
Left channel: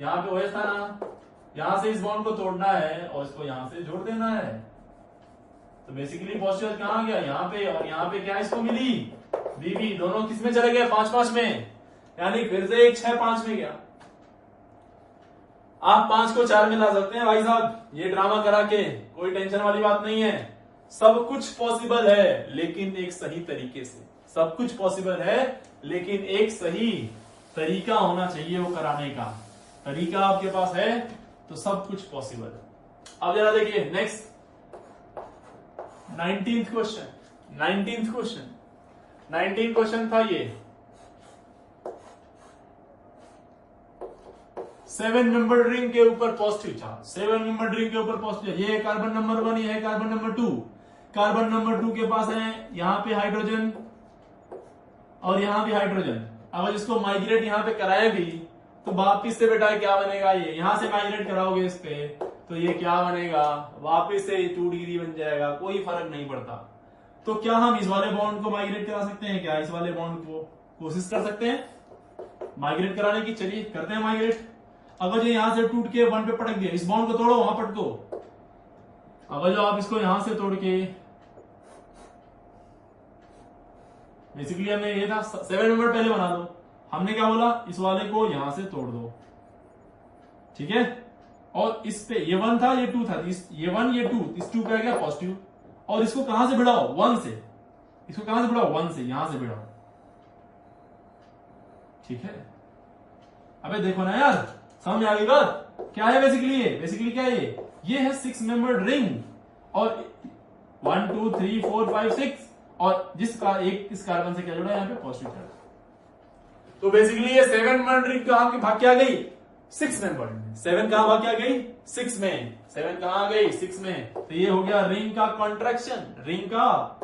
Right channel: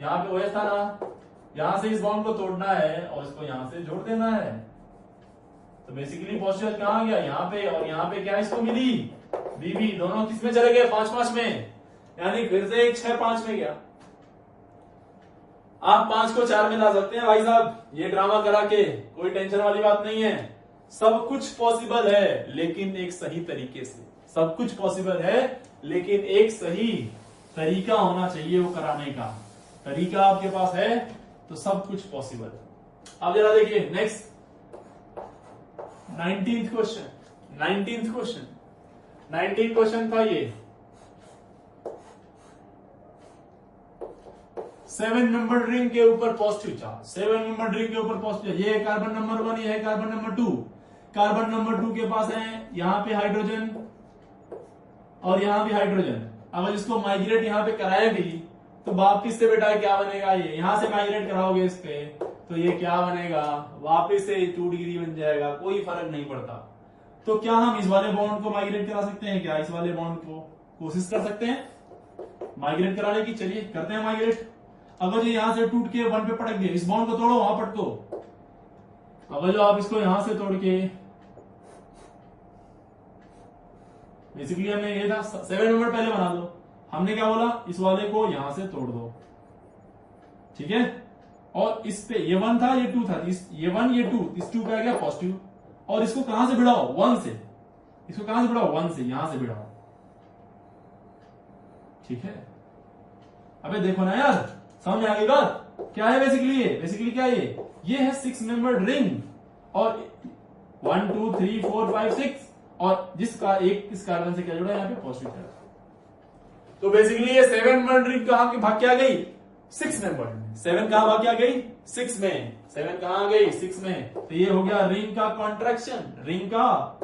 यहाँ पे OH था ना, यहां से इस बॉन्ड को तोड़ना है और इसको यहां से जोड़ देना है, तो बेसिकली पॉजिटिव कहां आ गया, यहाँ पे, और यहाँ पे क्या इसको मिली, बीबी। दोनों किस में चले गए, 5-5 में, यानी फिर से एक 6-5 में गया। आप 5 को 4 में ला सकते हैं भाई साहब, ये ड्रामा करा के, कोई टेंशन वाली बात नहीं है। सब कुछ पॉसिबल है लेकिन एक सही तरीके से, सब कुछ पॉसिबल है लेकिन एक सही तरीका होना चाहिए वो कराने का। तरीका आपके पास है तो सब कुछ पॉसिबल है। अब जरा देखिए नेक्स्ट 19th क्वेश्चन था ये। 7 मेंबर रिंग के ऊपर पॉजिटिव चार्ज, 7 मेंबर रिंग के ऊपर पॉजिटिव, ये कार्बन नंबर 1, ये है कार्बन नंबर 2। कार्बन नंबर 2 के पास है यहां पे हाइड्रोजन और यहां भी हाइड्रोजन। अगर इसको माइग्रेट यहां पे कराया भी तो वापिस से बेटा क्या बनेगा, ये यहां से माइग्रेट कराओगे इस पे तो ये क्या बनेगा, वापिस से 2 डिग्री बन जाएगा, कोई फर्क नहीं पड़ता। तो क्या हम इस वाले बॉन्ड को माइग्रेट करा सकते हैं क्या, इस वाले बॉन्ड को कोशिश कर सकते हैं माइग्रेट कराने की, चलिए करते हैं माइग्रेट। अगर जो यहां से टूट के 1 पे पटक गए, इस बॉन्ड को तोड़ो, वहां पटको। अगर जो आप इसको यहां से तोड़ के, बेसिकली हमने ये था 7 मेंबर पहले बना दो, हमने क्या बोला, इस वाले को यहां से तोड़ दो, ठीक है। और इस पे ये 1 था, ये 2 था, ये 1 ये 2, इस 2 पे आ गया पॉजिटिव। और इसको कहां से भिड़ाओ, 1 से, इसको कहां से भिड़ाओ, 1 से, यहां से भिड़ाओ, ठीक है। अबे देखो ना यार, समझ आ गई बात, क्या है बेसिकली क्या है ये है 6 मेंबर्ड रिंग और 1 2 3 4 5 6 और जिसका एक इस कार्बन से क्या जुड़ा है यहाँ पे पॉजिटिव चार्ज। तो बेसिकली ये 7 मेंबर्ड रिंग कहां भाग के आ गई, 6 मेंबर्ड में। 7 कहां भाग के आ गई, 6 में। 7 कहां आ गई, 6 में। तो ये हो गया रिंग का कॉन्ट्रैक्शन, रिंग का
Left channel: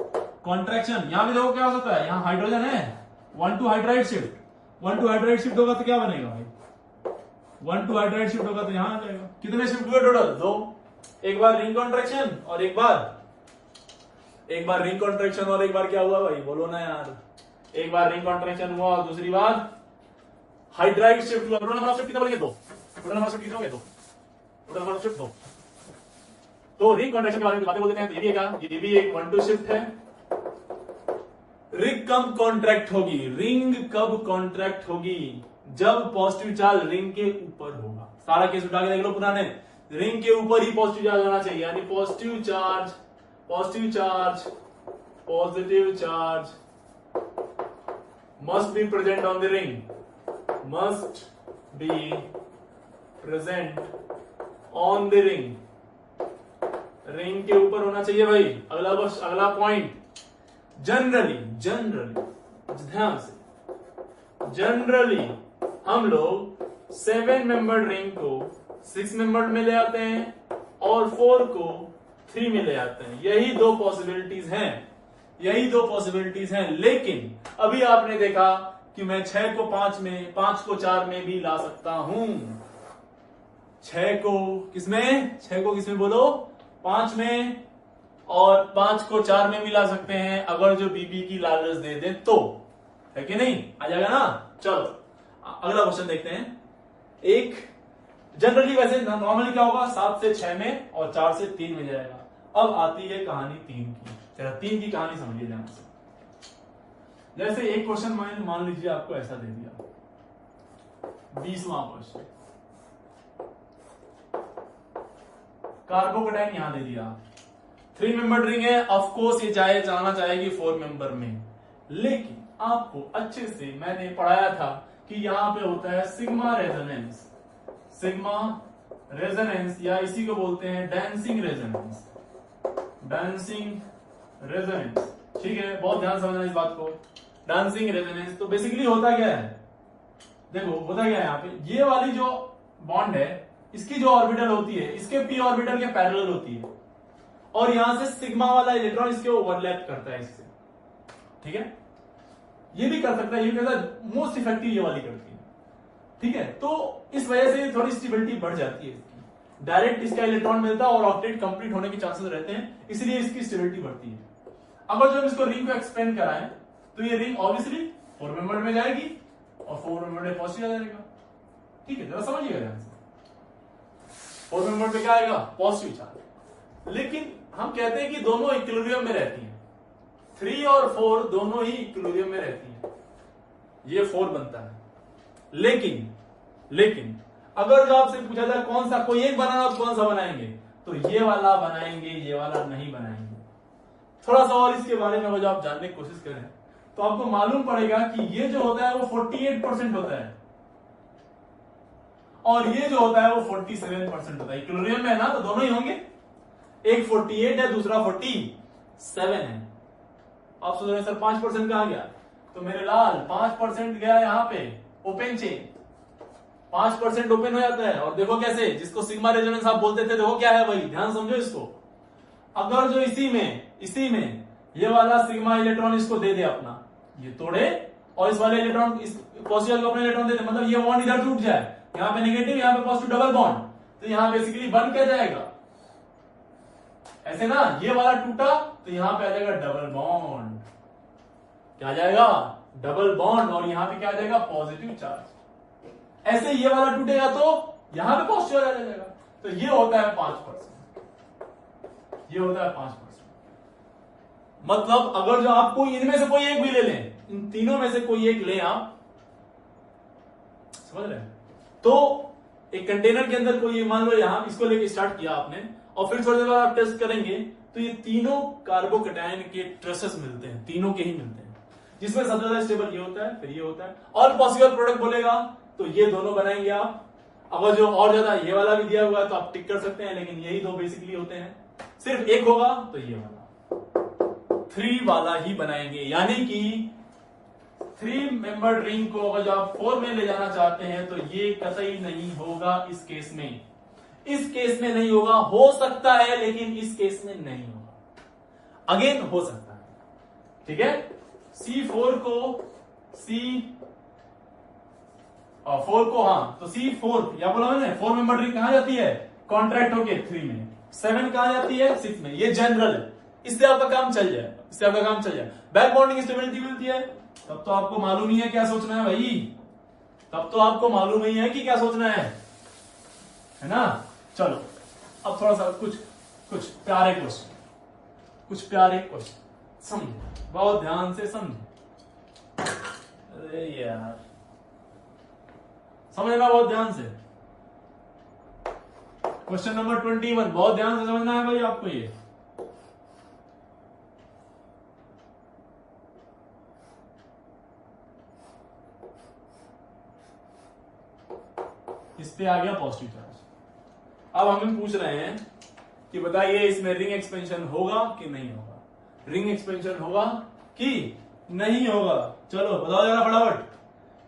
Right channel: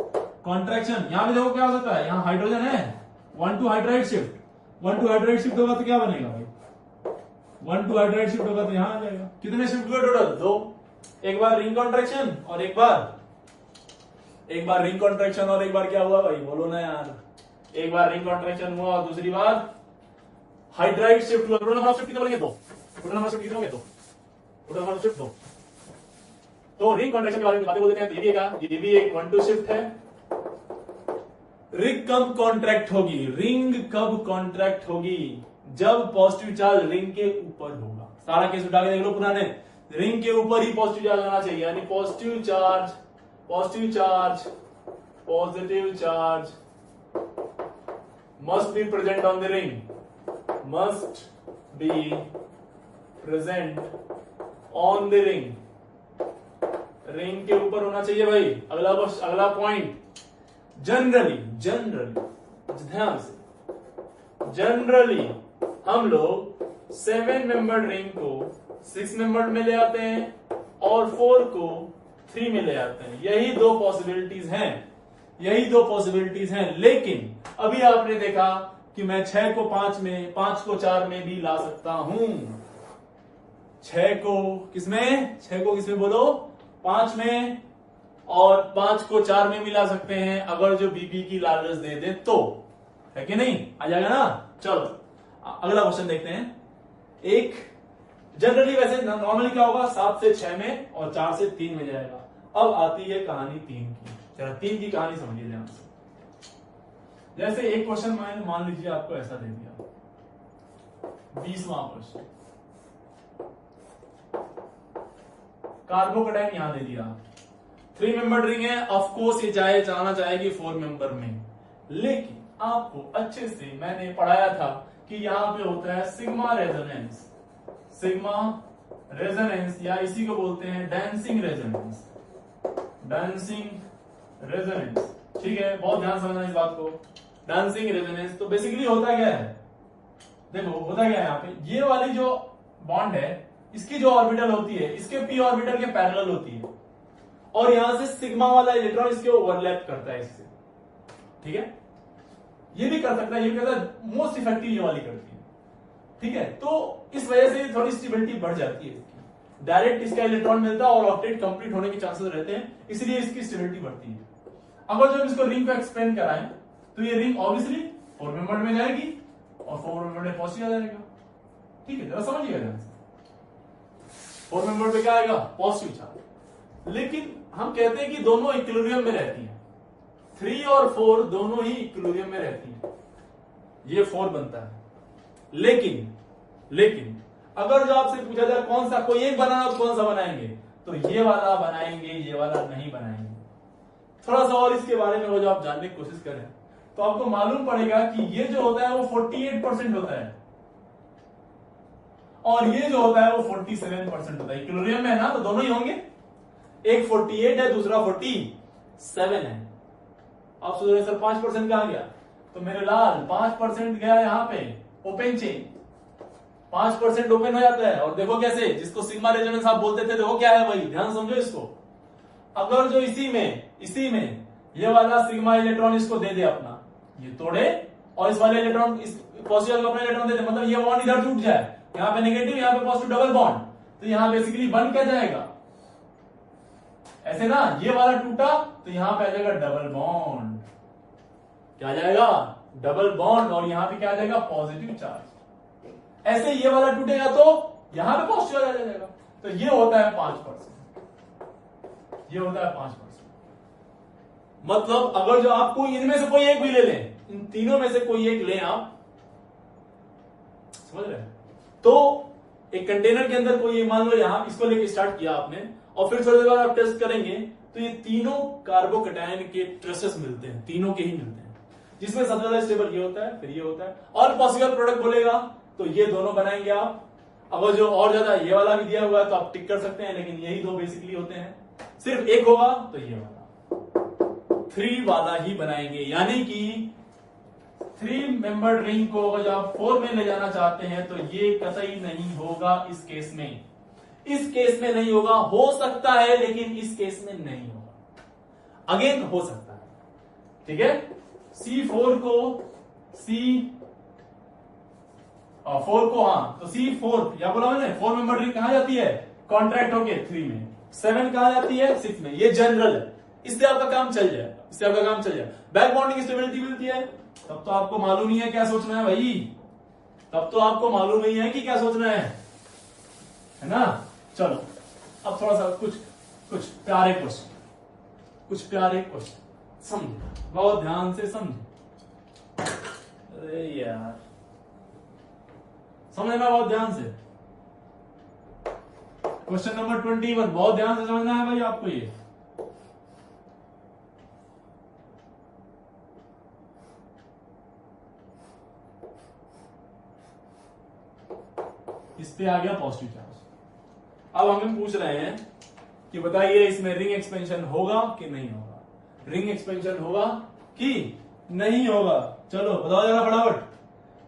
कॉन्ट्रैक्शन। यहां भी देखो क्या हो सकता है, यहां हाइड्रोजन है, 1 2 हाइड्राइड शिफ्ट, 1 2 हाइड्राइड शिफ्ट होगा तो क्या बनेगा भाई, 1 2 हाइड्राइड शिफ्ट होगा तो यहां आ जाएगा। कितने शिफ्ट हुए टोटल, 2। एक बार रिंग कॉन्ट्रैक्शन और एक बार रिंग कॉन्ट्रैक्शन और एक बार क्या हुआ भाई, बोलो ना यार। एक बार रिंग कॉन्ट्रैक्शन हुआ और दूसरी बार हाइड्राइड शिफ्ट हुआ। टोटल नंबर ऑफ शिफ्ट कितने बनेंगे, 2। टोटल नंबर ऑफ शिफ्ट कितने होंगे, 2। Total number of shift 2। तो रिंग कॉन्ट्रैक्शन के बारे में बातें बोल देते हैं। ये क्या, ये भी एक 1 2 शिफ्ट है। रिंग कब कॉन्ट्रैक्ट होगी, रिंग कब कॉन्ट्रैक्ट होगी, जब पॉजिटिव चार्ज रिंग के ऊपर होगा। सारा केस उठा के देख लो पुराने, रिंग के ऊपर ही पॉजिटिव चार्ज होना चाहिए, यानी positive charge must be present on the ring, must be present on the ring, ring के ऊपर होना चाहिए भाई। अगला पॉइंट, जनरली ध्यान से, जनरली हम लोग 7 मेंबर्ड रिंग को 6 मेंबर्ड में ले आते हैं और 4 को 3 में ले आते हैं। यही दो पॉसिबिलिटीज हैं। लेकिन अभी आपने देखा कि मैं 6 को 5 में, 5 को 4 में भी ला सकता हूं। 6 को किसमें बोलो, 5 में, और 5 को 4 में भी ला सकते हैं अगर जो बीबी की लालच दे दे तो, है कि नहीं, आ जाएगा ना। चलो अगला क्वेश्चन देखते हैं। एक जनरली वैसे नॉर्मली क्या होगा, 7 से 6 में और 4 से 3 में जाएगा। अब आती है कहानी 3 की। चलो 3 की कहानी समझिए ध्यान से। जैसे एक क्वेश्चन मान लीजिए आपको ऐसा दे दिया, 20वां क्वेश्चन, कार्बोकैटायन यहां दे दिया, 3 मेंबर रिंग है, ऑफ कोर्स ये जाना चाहेगी 4 मेंबर में। लेकिन आपको अच्छे से मैंने पढ़ाया था कि यहां पे होता है सिग्मा रेजोनेंस, या इसी को बोलते हैं डांसिंग रेजोनेंस। ठीक है, बहुत ध्यान समझना इस बात को, डांसिंग रेजोनेंस। तो बेसिकली होता क्या है, देखो होता क्या है, यहाँ पे ये वाली जो बॉन्ड है, इसकी जो ऑर्बिटल होती है, इसके पी ऑर्बिटल के पैरेलल होती है, और यहां से सिग्मा वाला इलेक्ट्रॉन इसके ओवरलैप करता है इससे, ठीक है। ये भी कर सकता है, ये भी करता है, मोस्ट इफेक्टिव ये वाली करती है, ठीक है। तो इस वजह से थोड़ी स्टेबिलिटी बढ़ जाती है इसकी, डायरेक्ट इसका इलेक्ट्रॉन मिलता है और ऑक्टेट कंप्लीट होने के चांसेस रहते हैं, इसलिए इसकी स्टेबिलिटी बढ़ती है। अगर जब इसको रिंग को एक्सपेंड कराएं तो ये रिंग ऑब्वियसली 4 मेंबर में जाएगी और 4 मेंबर में पॉजिटिव आ जाएगा, ठीक है, जरा समझिएगा ध्यान से। 4 मेंबर पे क्या आएगा, पॉजिटिव चार्ज। लेकिन हम कहते हैं कि दोनों इक्विलिब्रियम में रहती हैं, 3 और 4 दोनों ही इक्विलिब्रियम में रहती हैं, ये 4 बनता है। लेकिन अगर जो आपसे पूछा जाए कौन सा, कोई एक बनाना तो कौन सा बनाएंगे, तो ये वाला बनाएंगे, ये वाला नहीं बनाएंगे। थोड़ा सा और इसके बारे में अगर जो आप जानने की कोशिश करें तो आपको मालूम पड़ेगा कि ये जो होता है वो 48% होता है और ये जो होता है वो 47% होता है। इक्विलिब्रियम में है ना, तो दोनों ही होंगे, एक 48 है दूसरा 40, 7 है। आप सोच रहे सर 5% कहां गया, तो मेरे लाल 5% गया यहां पे ओपन चेन, 5% ओपन हो जाता है। और देखो कैसे, जिसको सिग्मा रेजोनेंस आप बोलते थे, देखो क्या है वही, ध्यान समझो इसको। अगर जो इसी में ये वाला सिग्मा इलेक्ट्रॉन इसको दे दे अपना, ये तोड़े, और इस वाले इलेक्ट्रॉन, इस पॉजिटिव को अपना इलेक्ट्रॉन दे दे, मतलब ये बॉन्ड इधर टूट जाए, यहाँ पे नेगेटिव, यहाँ पे पॉजिटिव, डबल बॉन्ड, तो यहाँ बेसिकली बन क्या जाएगा, ऐसे ना, ये वाला टूटा तो यहाँ पे आ जाएगा डबल बॉन्ड, क्या आ जाएगा, डबल बॉन्ड, और यहाँ पे क्या आ जाएगा, पॉजिटिव चार्ज। ऐसे ये वाला टूटेगा तो यहाँ पे पॉजिटिव आ जाएगा, तो ये होता है 5%, ये होता है 5%। मतलब अगर जो आपको इनमें से कोई एक भी ले लें, इन तीनों में से कोई एक लें आप, समझ रहे हैं, तो एक कंटेनर के अंदर कोई, मान लो यहां इसको लेके स्टार्ट किया आपने, और फिर थोड़ी देर बाद आप टेस्ट करेंगे तो ये तीनों कार्बोकैटायन के ट्रेसेस मिलते हैं, तीनों के ही मिलते हैं, जिसमें सबसे ज्यादा स्टेबल ये होता है, फिर ये होता है, और पॉसिबल प्रोडक्ट बोलेगा तो ये दोनों बनाएंगे आप। अगर जो और ज्यादा ये वाला भी दिया हुआ है तो आप टिक कर सकते हैं, लेकिन यही दो बेसिकली होते हैं। सिर्फ एक होगा तो ये वाला 3 वाला ही बनाएंगे, यानी कि 3 मेंबर रिंग को अगर आप 4 में ले जाना चाहते हैं तो ये कतई नहीं होगा इस केस में, इस केस में नहीं होगा, हो सकता है लेकिन इस केस में नहीं होगा, अगेन हो सकता है, ठीक है। C4 को C4 को, हाँ, तो C4 या बोला मैंने 4 मेंबर रिंग कहां जाती है, कॉन्ट्रैक्ट होके 3 में, 7 कहां जाती है, 6 में, ये जनरल है, इससे आपका काम चल जाएगा, इससे आपका काम चल जाएगा। बैक बॉन्डिंग स्टेबिलिटी मिलती है, तब तो आपको मालूम ही है क्या सोचना है भाई, तब तो आपको मालूम ही है कि क्या सोचना है ना। चलो अब थोड़ा सा कुछ प्यारे क्वेश्चन, समझे, बहुत ध्यान से समझे, अरे यार समझना बहुत ध्यान से। क्वेश्चन नंबर 21 बहुत ध्यान से समझना है भाई आपको, ये इस पे आ गया पॉजिटिव चार्ज। अब हमें पूछ रहे हैं कि बताइए इसमें रिंग एक्सपेंशन होगा कि नहीं होगा, रिंग एक्सपेंशन होगा कि नहीं होगा, चलो बताओ जरा फटाफट,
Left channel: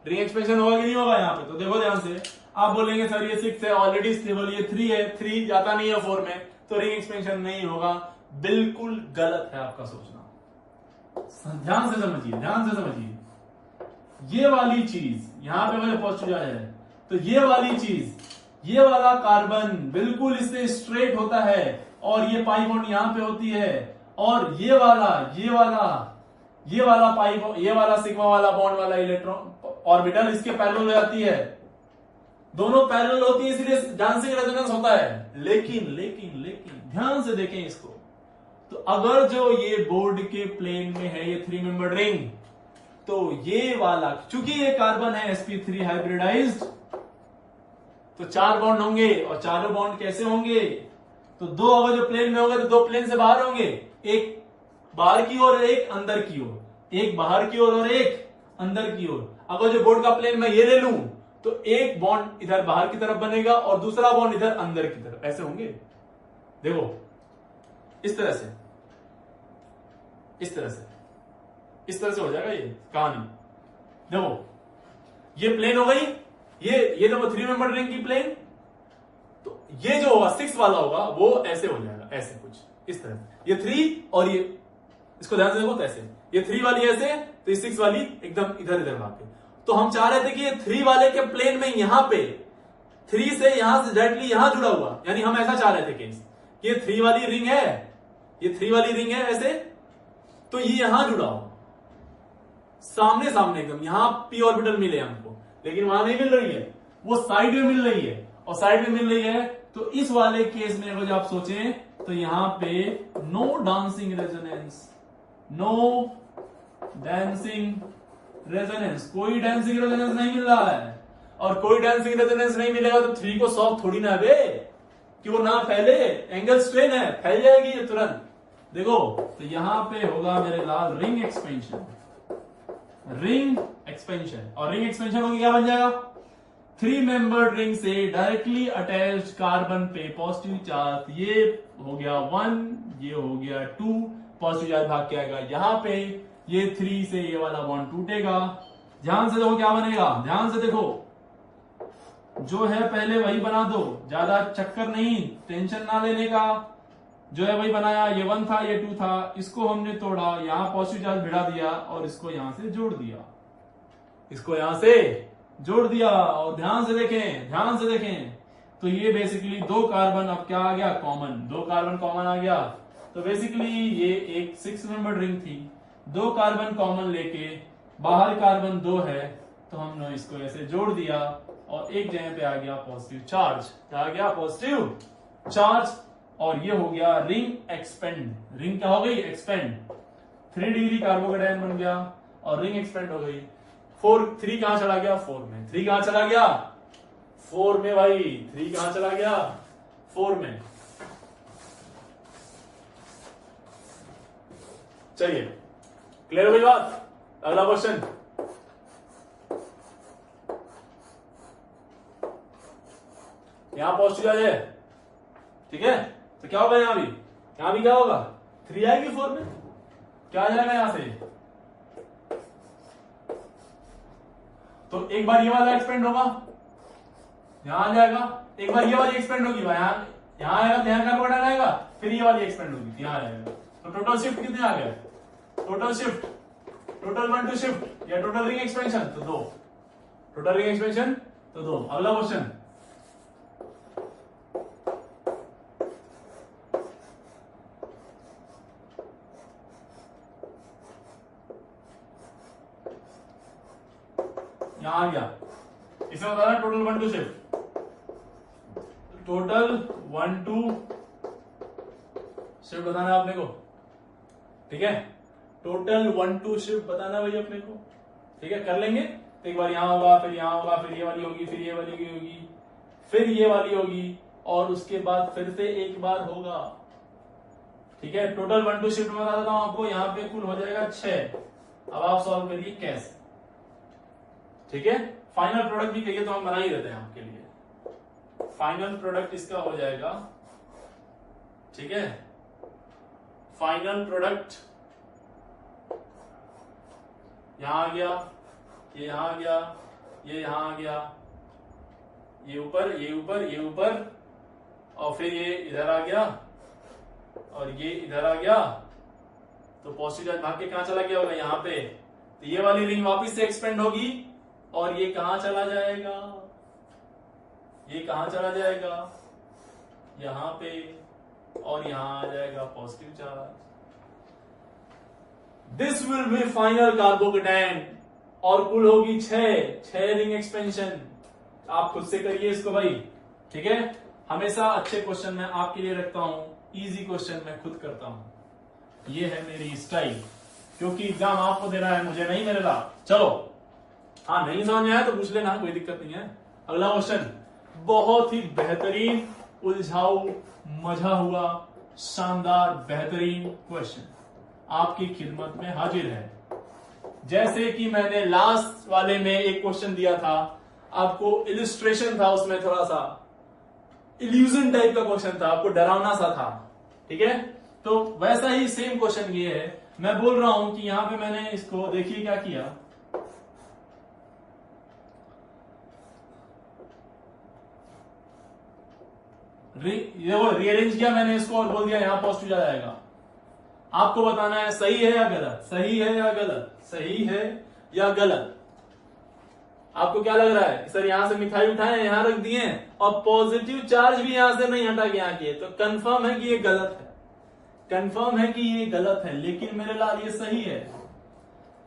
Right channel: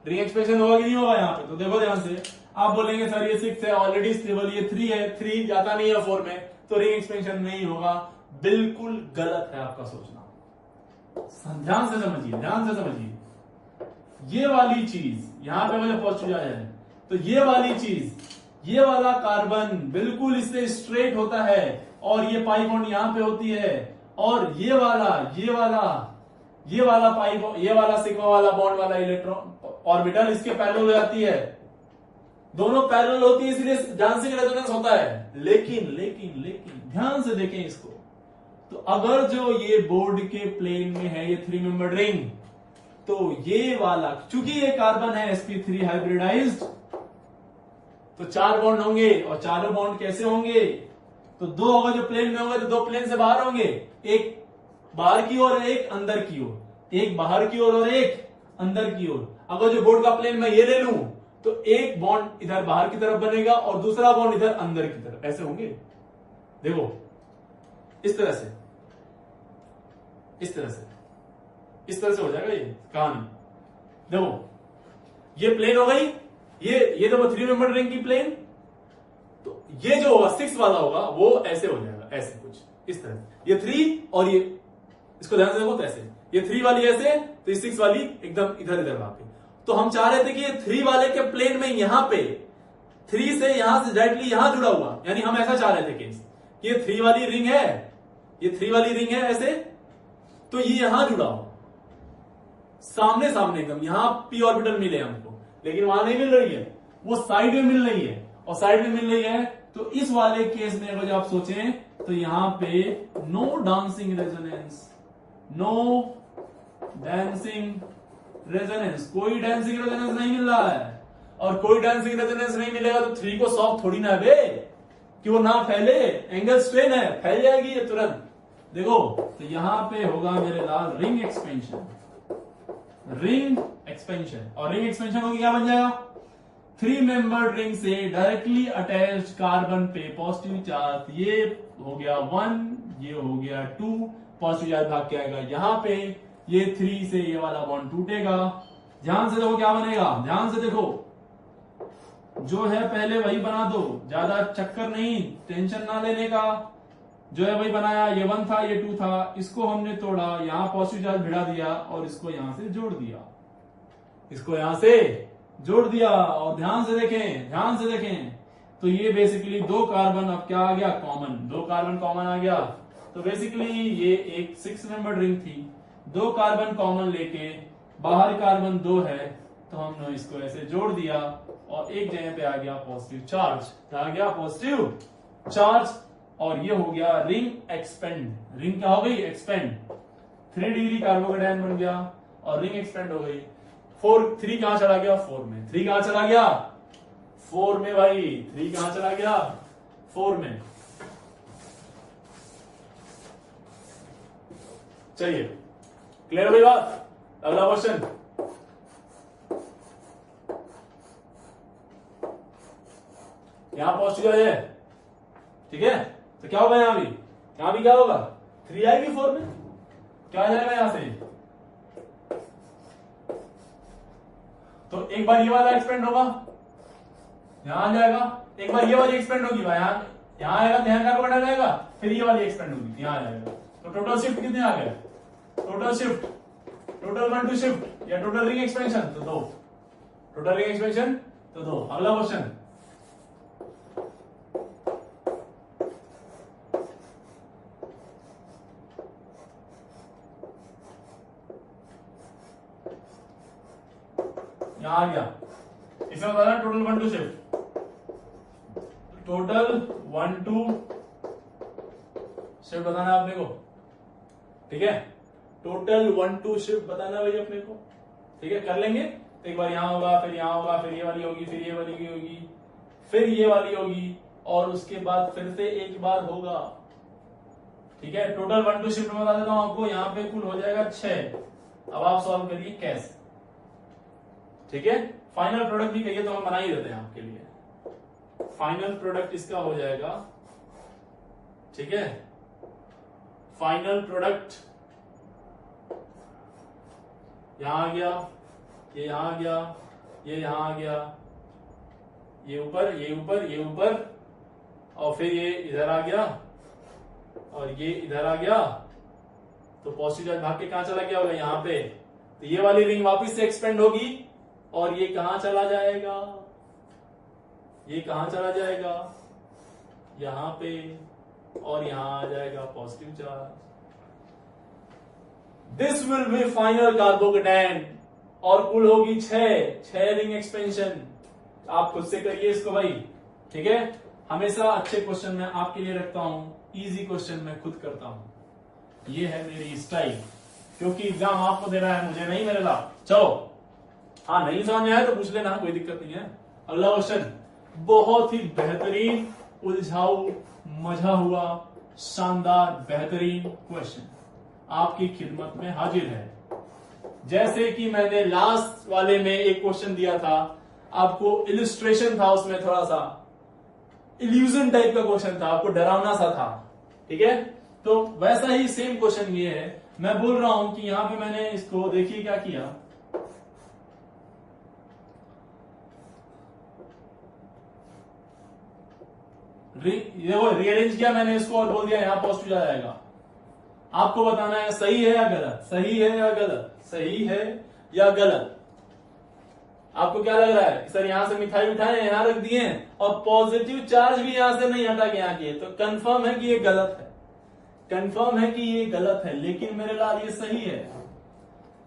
रिंग एक्सपेंशन होगा कि नहीं होगा यहाँ पे। तो देखो ध्यान से, आप बोलेंगे सर ये 6 है ऑलरेडी स्टेबल, ये 3 है, 3 जाता नहीं है 4 में, तो रिंग एक्सपेंशन नहीं होगा। बिल्कुल गलत है आपका सोचना, ध्यान से समझिए, ये वाली चीज यहां पे अगर पॉजिटिव आ जाए तो ये वाली चीज, ये वाला कार्बन बिल्कुल इससे स्ट्रेट होता है, और ये पाई बॉन्ड यहां पे होती है, और ये वाला पाई, ये वाला सिग्मा वाला बॉन्ड वाला इलेक्ट्रॉन ऑर्बिटल इसके पैरेलल हो जाती है, दोनों पैरेलल होती है, इसलिए डांसिंग रेजोनेंस होता है। लेकिन ध्यान से देखें इसको, तो अगर जो ये बोर्ड के प्लेन में है ये 3 मेंबर रिंग, तो ये वाला, चूंकि ये कार्बन है sp3 हाइब्रिडाइज्ड, तो 4 बॉन्ड होंगे, और चारों बॉन्ड कैसे होंगे, तो 2 अगर जो प्लेन में होंगे तो 2 प्लेन से बाहर होंगे, एक बाहर की ओर एक अंदर की ओर, एक बाहर की ओर और एक अंदर की ओर। अगर जो बोर्ड का प्लेन मैं ये ले लूं तो एक बॉन्ड इधर बाहर की तरफ बनेगा और दूसरा बॉन्ड इधर अंदर की तरफ, ऐसे होंगे, देखो इस तरह से हो जाएगा ये कहानी। देखो ये प्लेन हो गई, ये देखो 3 मेंबर रिंग की प्लेन, तो ये जो होगा 6 वाला होगा वो ऐसे हो जाएगा, ऐसे कुछ इस तरह, ये 3 और ये, इसको ध्यान से देखो, तो ऐसे ये 3 वाली ऐसे, तो ये 6 वाली एकदम इधर वहां पे। तो हम चाह रहे थे कि ये 3 वाले के प्लेन में यहां पे 3 से यहां से डायरेक्टली यहां जुड़ा हुआ, यानी हम ऐसा चाह रहे थे केस, ये 3 वाली रिंग है, ये 3 वाली रिंग है ऐसे, तो ये यहां जुड़ा हो, सामने एकदम, यहां p ऑर्बिटल मिले हमको, लेकिन वहां नहीं मिल रही है, वो साइड में मिल रही है, और साइड में मिल रही है, तो इस वाले केस में अगर आप सोचें तो यहां पे नो डांसिंग रेजोनेंस, कोई डांसिंग रेजोनेंस नहीं मिल रहा है, और कोई डांसिंग रेजोनेंस नहीं मिलेगा तो 3 को सॉल्व थोड़ी ना है कि वो ना फैले, एंगल स्ट्रेन है, फैल जाएगी ये तुरंत। देखो तो यहां पे होगा मेरे लाल रिंग एक्सपेंशन, और रिंग एक्सपेंशन होगी क्या बन जाएगा, 3 मेंबर्ड रिंग से डायरेक्टली अटैच्ड कार्बन पे पॉजिटिव चार्ज, ये हो गया 1, ये हो गया 2, पॉजिटिव चार्ज भाग के आएगा यहाँ पे, ये 3 से ये वाला बॉन्ड टूटेगा। ध्यान से देखो क्या बनेगा, ध्यान से देखो, जो है पहले वही बना दो, ज्यादा चक्कर नहीं, टेंशन ना लेने का। जो है वही बनाया, ये 1 था ये 2 था, इसको हमने तोड़ा, यहाँ पॉजिटिव चार्ज भिड़ा दिया और इसको यहां से जोड़ दिया, इसको यहां से जोड़ दिया। और ध्यान से देखें, ध्यान से देखें, तो ये बेसिकली 2 कार्बन अब क्या आ गया, कॉमन, 2 कार्बन कॉमन आ गया। तो बेसिकली ये एक 6 मेंबर रिंग थी, 2 कार्बन कॉमन लेके बाहर कार्बन 2 है, तो हमने इसको ऐसे जोड़ दिया और एक जगह पे आ गया पॉजिटिव चार्ज, आ गया पॉजिटिव चार्ज। और ये हो गया रिंग एक्सपेंड, रिंग क्या हो गई, एक्सपेंड। 3 डिग्री कार्बोकेटायन बन गया और रिंग एक्सपेंड हो गई। 3 कहां चला गया, 4 में। 3 कहां चला गया, 4 में भाई। 3 कहां चला गया, 4 में। चलिए क्लियर हो गई बात। अगला क्वेश्चन, यहां पॉजिटिव है, ठीक है, तो क्या होगा यहां भी, यहां भी क्या होगा, 3 आएगी 4 में, क्या आ जाएगा यहां से। तो एक बार ये वाला एक्सपेंड होगा, यहां आ जाएगा, एक बार ये वाली एक्सपेंड होगी, यहां आएगा, ध्यान कार्बोकेटायन आएगा, फिर ये वाली एक्सपेंड होगी, यहां आ जाएगा। तो टोटल शिफ्ट कितने आ गए, टोटल शिफ्ट, टोटल 1 2 शिफ्ट या टोटल रिंग एक्सपेंशन, तो 2, टोटल रिंग एक्सपेंशन तो 2। अगला क्वेश्चन, यहां आ गया, इसमें बता रहा टोटल 1 2 शिफ्ट, टोटल 1 2 शिफ्ट बताना है अपने को, ठीक है, टोटल 1 2 शिफ्ट बताना भाई अपने को, ठीक है, कर लेंगे। तो एक बार यहां होगा, फिर यहां होगा, फिर ये वाली होगी, फिर ये वाली होगी, फिर ये वाली होगी, और उसके बाद फिर से एक बार होगा, ठीक है। टोटल 1 2 शिफ्ट बता देता हूं आपको, यहां पे कुल हो जाएगा 6। अब आप सॉल्व करिए कैसे, ठीक है। फाइनल प्रोडक्ट भी कहिए तो हम बना ही देते हैं आपके लिए। फाइनल प्रोडक्ट इसका हो जाएगा, ठीक है, फाइनल प्रोडक्ट यहां आ गया, ये यहां आ गया, ये यहां आ गया, ये ऊपर, ये ऊपर, ये ऊपर, और फिर ये इधर आ गया और ये इधर आ गया। तो पॉजिटिव चार्ज भाग के कहां चला गया होगा, यहां पे। तो ये वाली रिंग वापस से एक्सपेंड होगी और ये कहां चला जाएगा, ये कहां चला जाएगा, यहां पे, और यहां आ जाएगा positive charge. This will be final carbocation, और कुल होगी 6 रिंग एक्सपेंशन। आप खुद से करिए इसको भाई, ठीक है। हमेशा अच्छे क्वेश्चन मैं आपके लिए रखता हूं, इजी क्वेश्चन मैं खुद करता हूं, ये है मेरी स्टाइल, क्योंकि एग्जाम आपको देना है, मुझे नहीं मिलेगा। चलो, हाँ नहीं समझ में आया तो पूछ लेना, कोई दिक्कत नहीं है। अगला क्वेश्चन बहुत ही बेहतरीन, उलझाऊ, मजा हुआ, शानदार, बेहतरीन क्वेश्चन आपकी खिदमत में हाजिर है। जैसे कि मैंने लास्ट वाले में एक क्वेश्चन दिया था आपको, इलिस्ट्रेशन था उसमें, थोड़ा सा इल्यूजन टाइप का क्वेश्चन था, आपको डरावना सा था, ठीक है। तो वैसा ही सेम क्वेश्चन ये है। मैं बोल रहा हूं कि यहां पे मैंने इसको, देखिए क्या किया, देखो रीअरेंज किया मैंने इसको और बोल दिया यहां पॉजिटिव आ जाएगा। आपको बताना है सही है या गलत, सही है या गलत, सही है या गलत। आपको क्या लग रहा है कि सर यहां से मिठाई उठाए, यहां रख दिए और पॉजिटिव चार्ज भी यहां से नहीं हटा के यहां किए, तो कंफर्म है कि ये गलत है, कंफर्म है कि ये गलत है। लेकिन मेरे लाल ये सही है,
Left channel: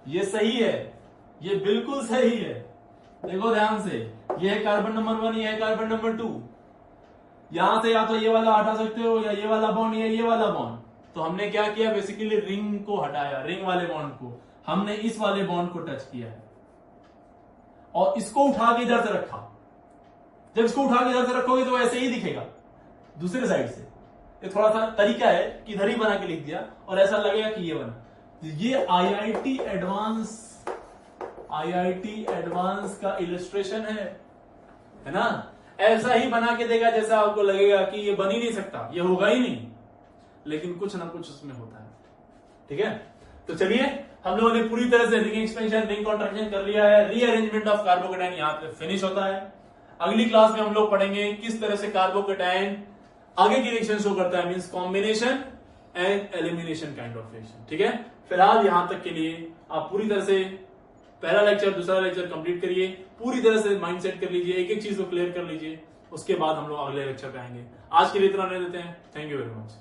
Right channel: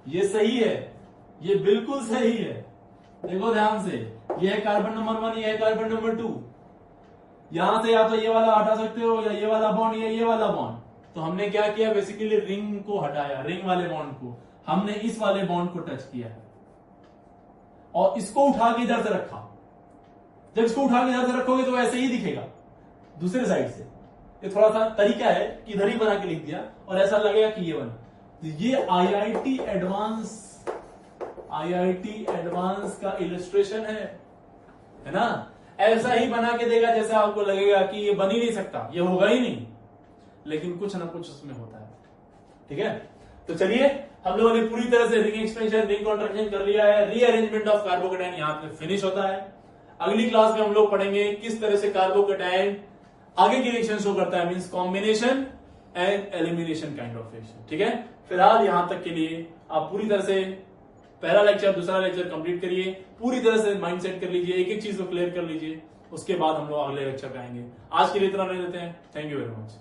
ये सही है, ये बिल्कुल सही है। देखो ध्यान से, ये है कार्बन नंबर 1, ये है कार्बन नंबर 2। यहां से या तो ये वाला हटा सकते हो या ये वाला बॉन्ड या ये वाला बॉन्ड। तो हमने क्या किया, बेसिकली रिंग को हटाया, रिंग वाले बॉन्ड को हमने इस वाले बॉन्ड को टच किया और इसको उठा के इधर से रखा। जब इसको उठा के इधर से रखोगे तो ऐसे ही दिखेगा दूसरे साइड से। ये थोड़ा सा तरीका है कि इधर ही बना के लिख दिया और ऐसा लगेगा कि ये बना। तो ये आईआईटी एडवांस का इलस्ट्रेशन है ना। ऐसा ही बना के देगा जैसा आपको लगेगा कि ये बन ही नहीं सकता, ये होगा ही नहीं, लेकिन कुछ ना कुछ उसमें होता है। ठीक है, तो चलिए हम लोगों ने पूरी तरह से रिंग एक्सपेंशन, रिंग कॉन्ट्रैक्शन कर लिया है। रीअरेंजमेंट ऑफ कार्बोकेटाइन यहाँ पे फिनिश होता है। अगली क्लास में हम लोग पढ़ेंगे किस तरह से कार्बोकेटाइन आगे की रिएक्शन शो करता है, means combination and elimination kind of reaction. ठीक है, फिलहाल यहां तक के लिए आप पूरी तरह से पहला लेक्चर, दूसरा लेक्चर कंप्लीट करिए, पूरी तरह से माइंड सेट कर लीजिए, एक एक चीज को क्लियर कर लीजिए, उसके बाद हम लोग अगले लेक्चर पे आएंगे। आज के लिए इतना रहने देते हैं। Thank you very much.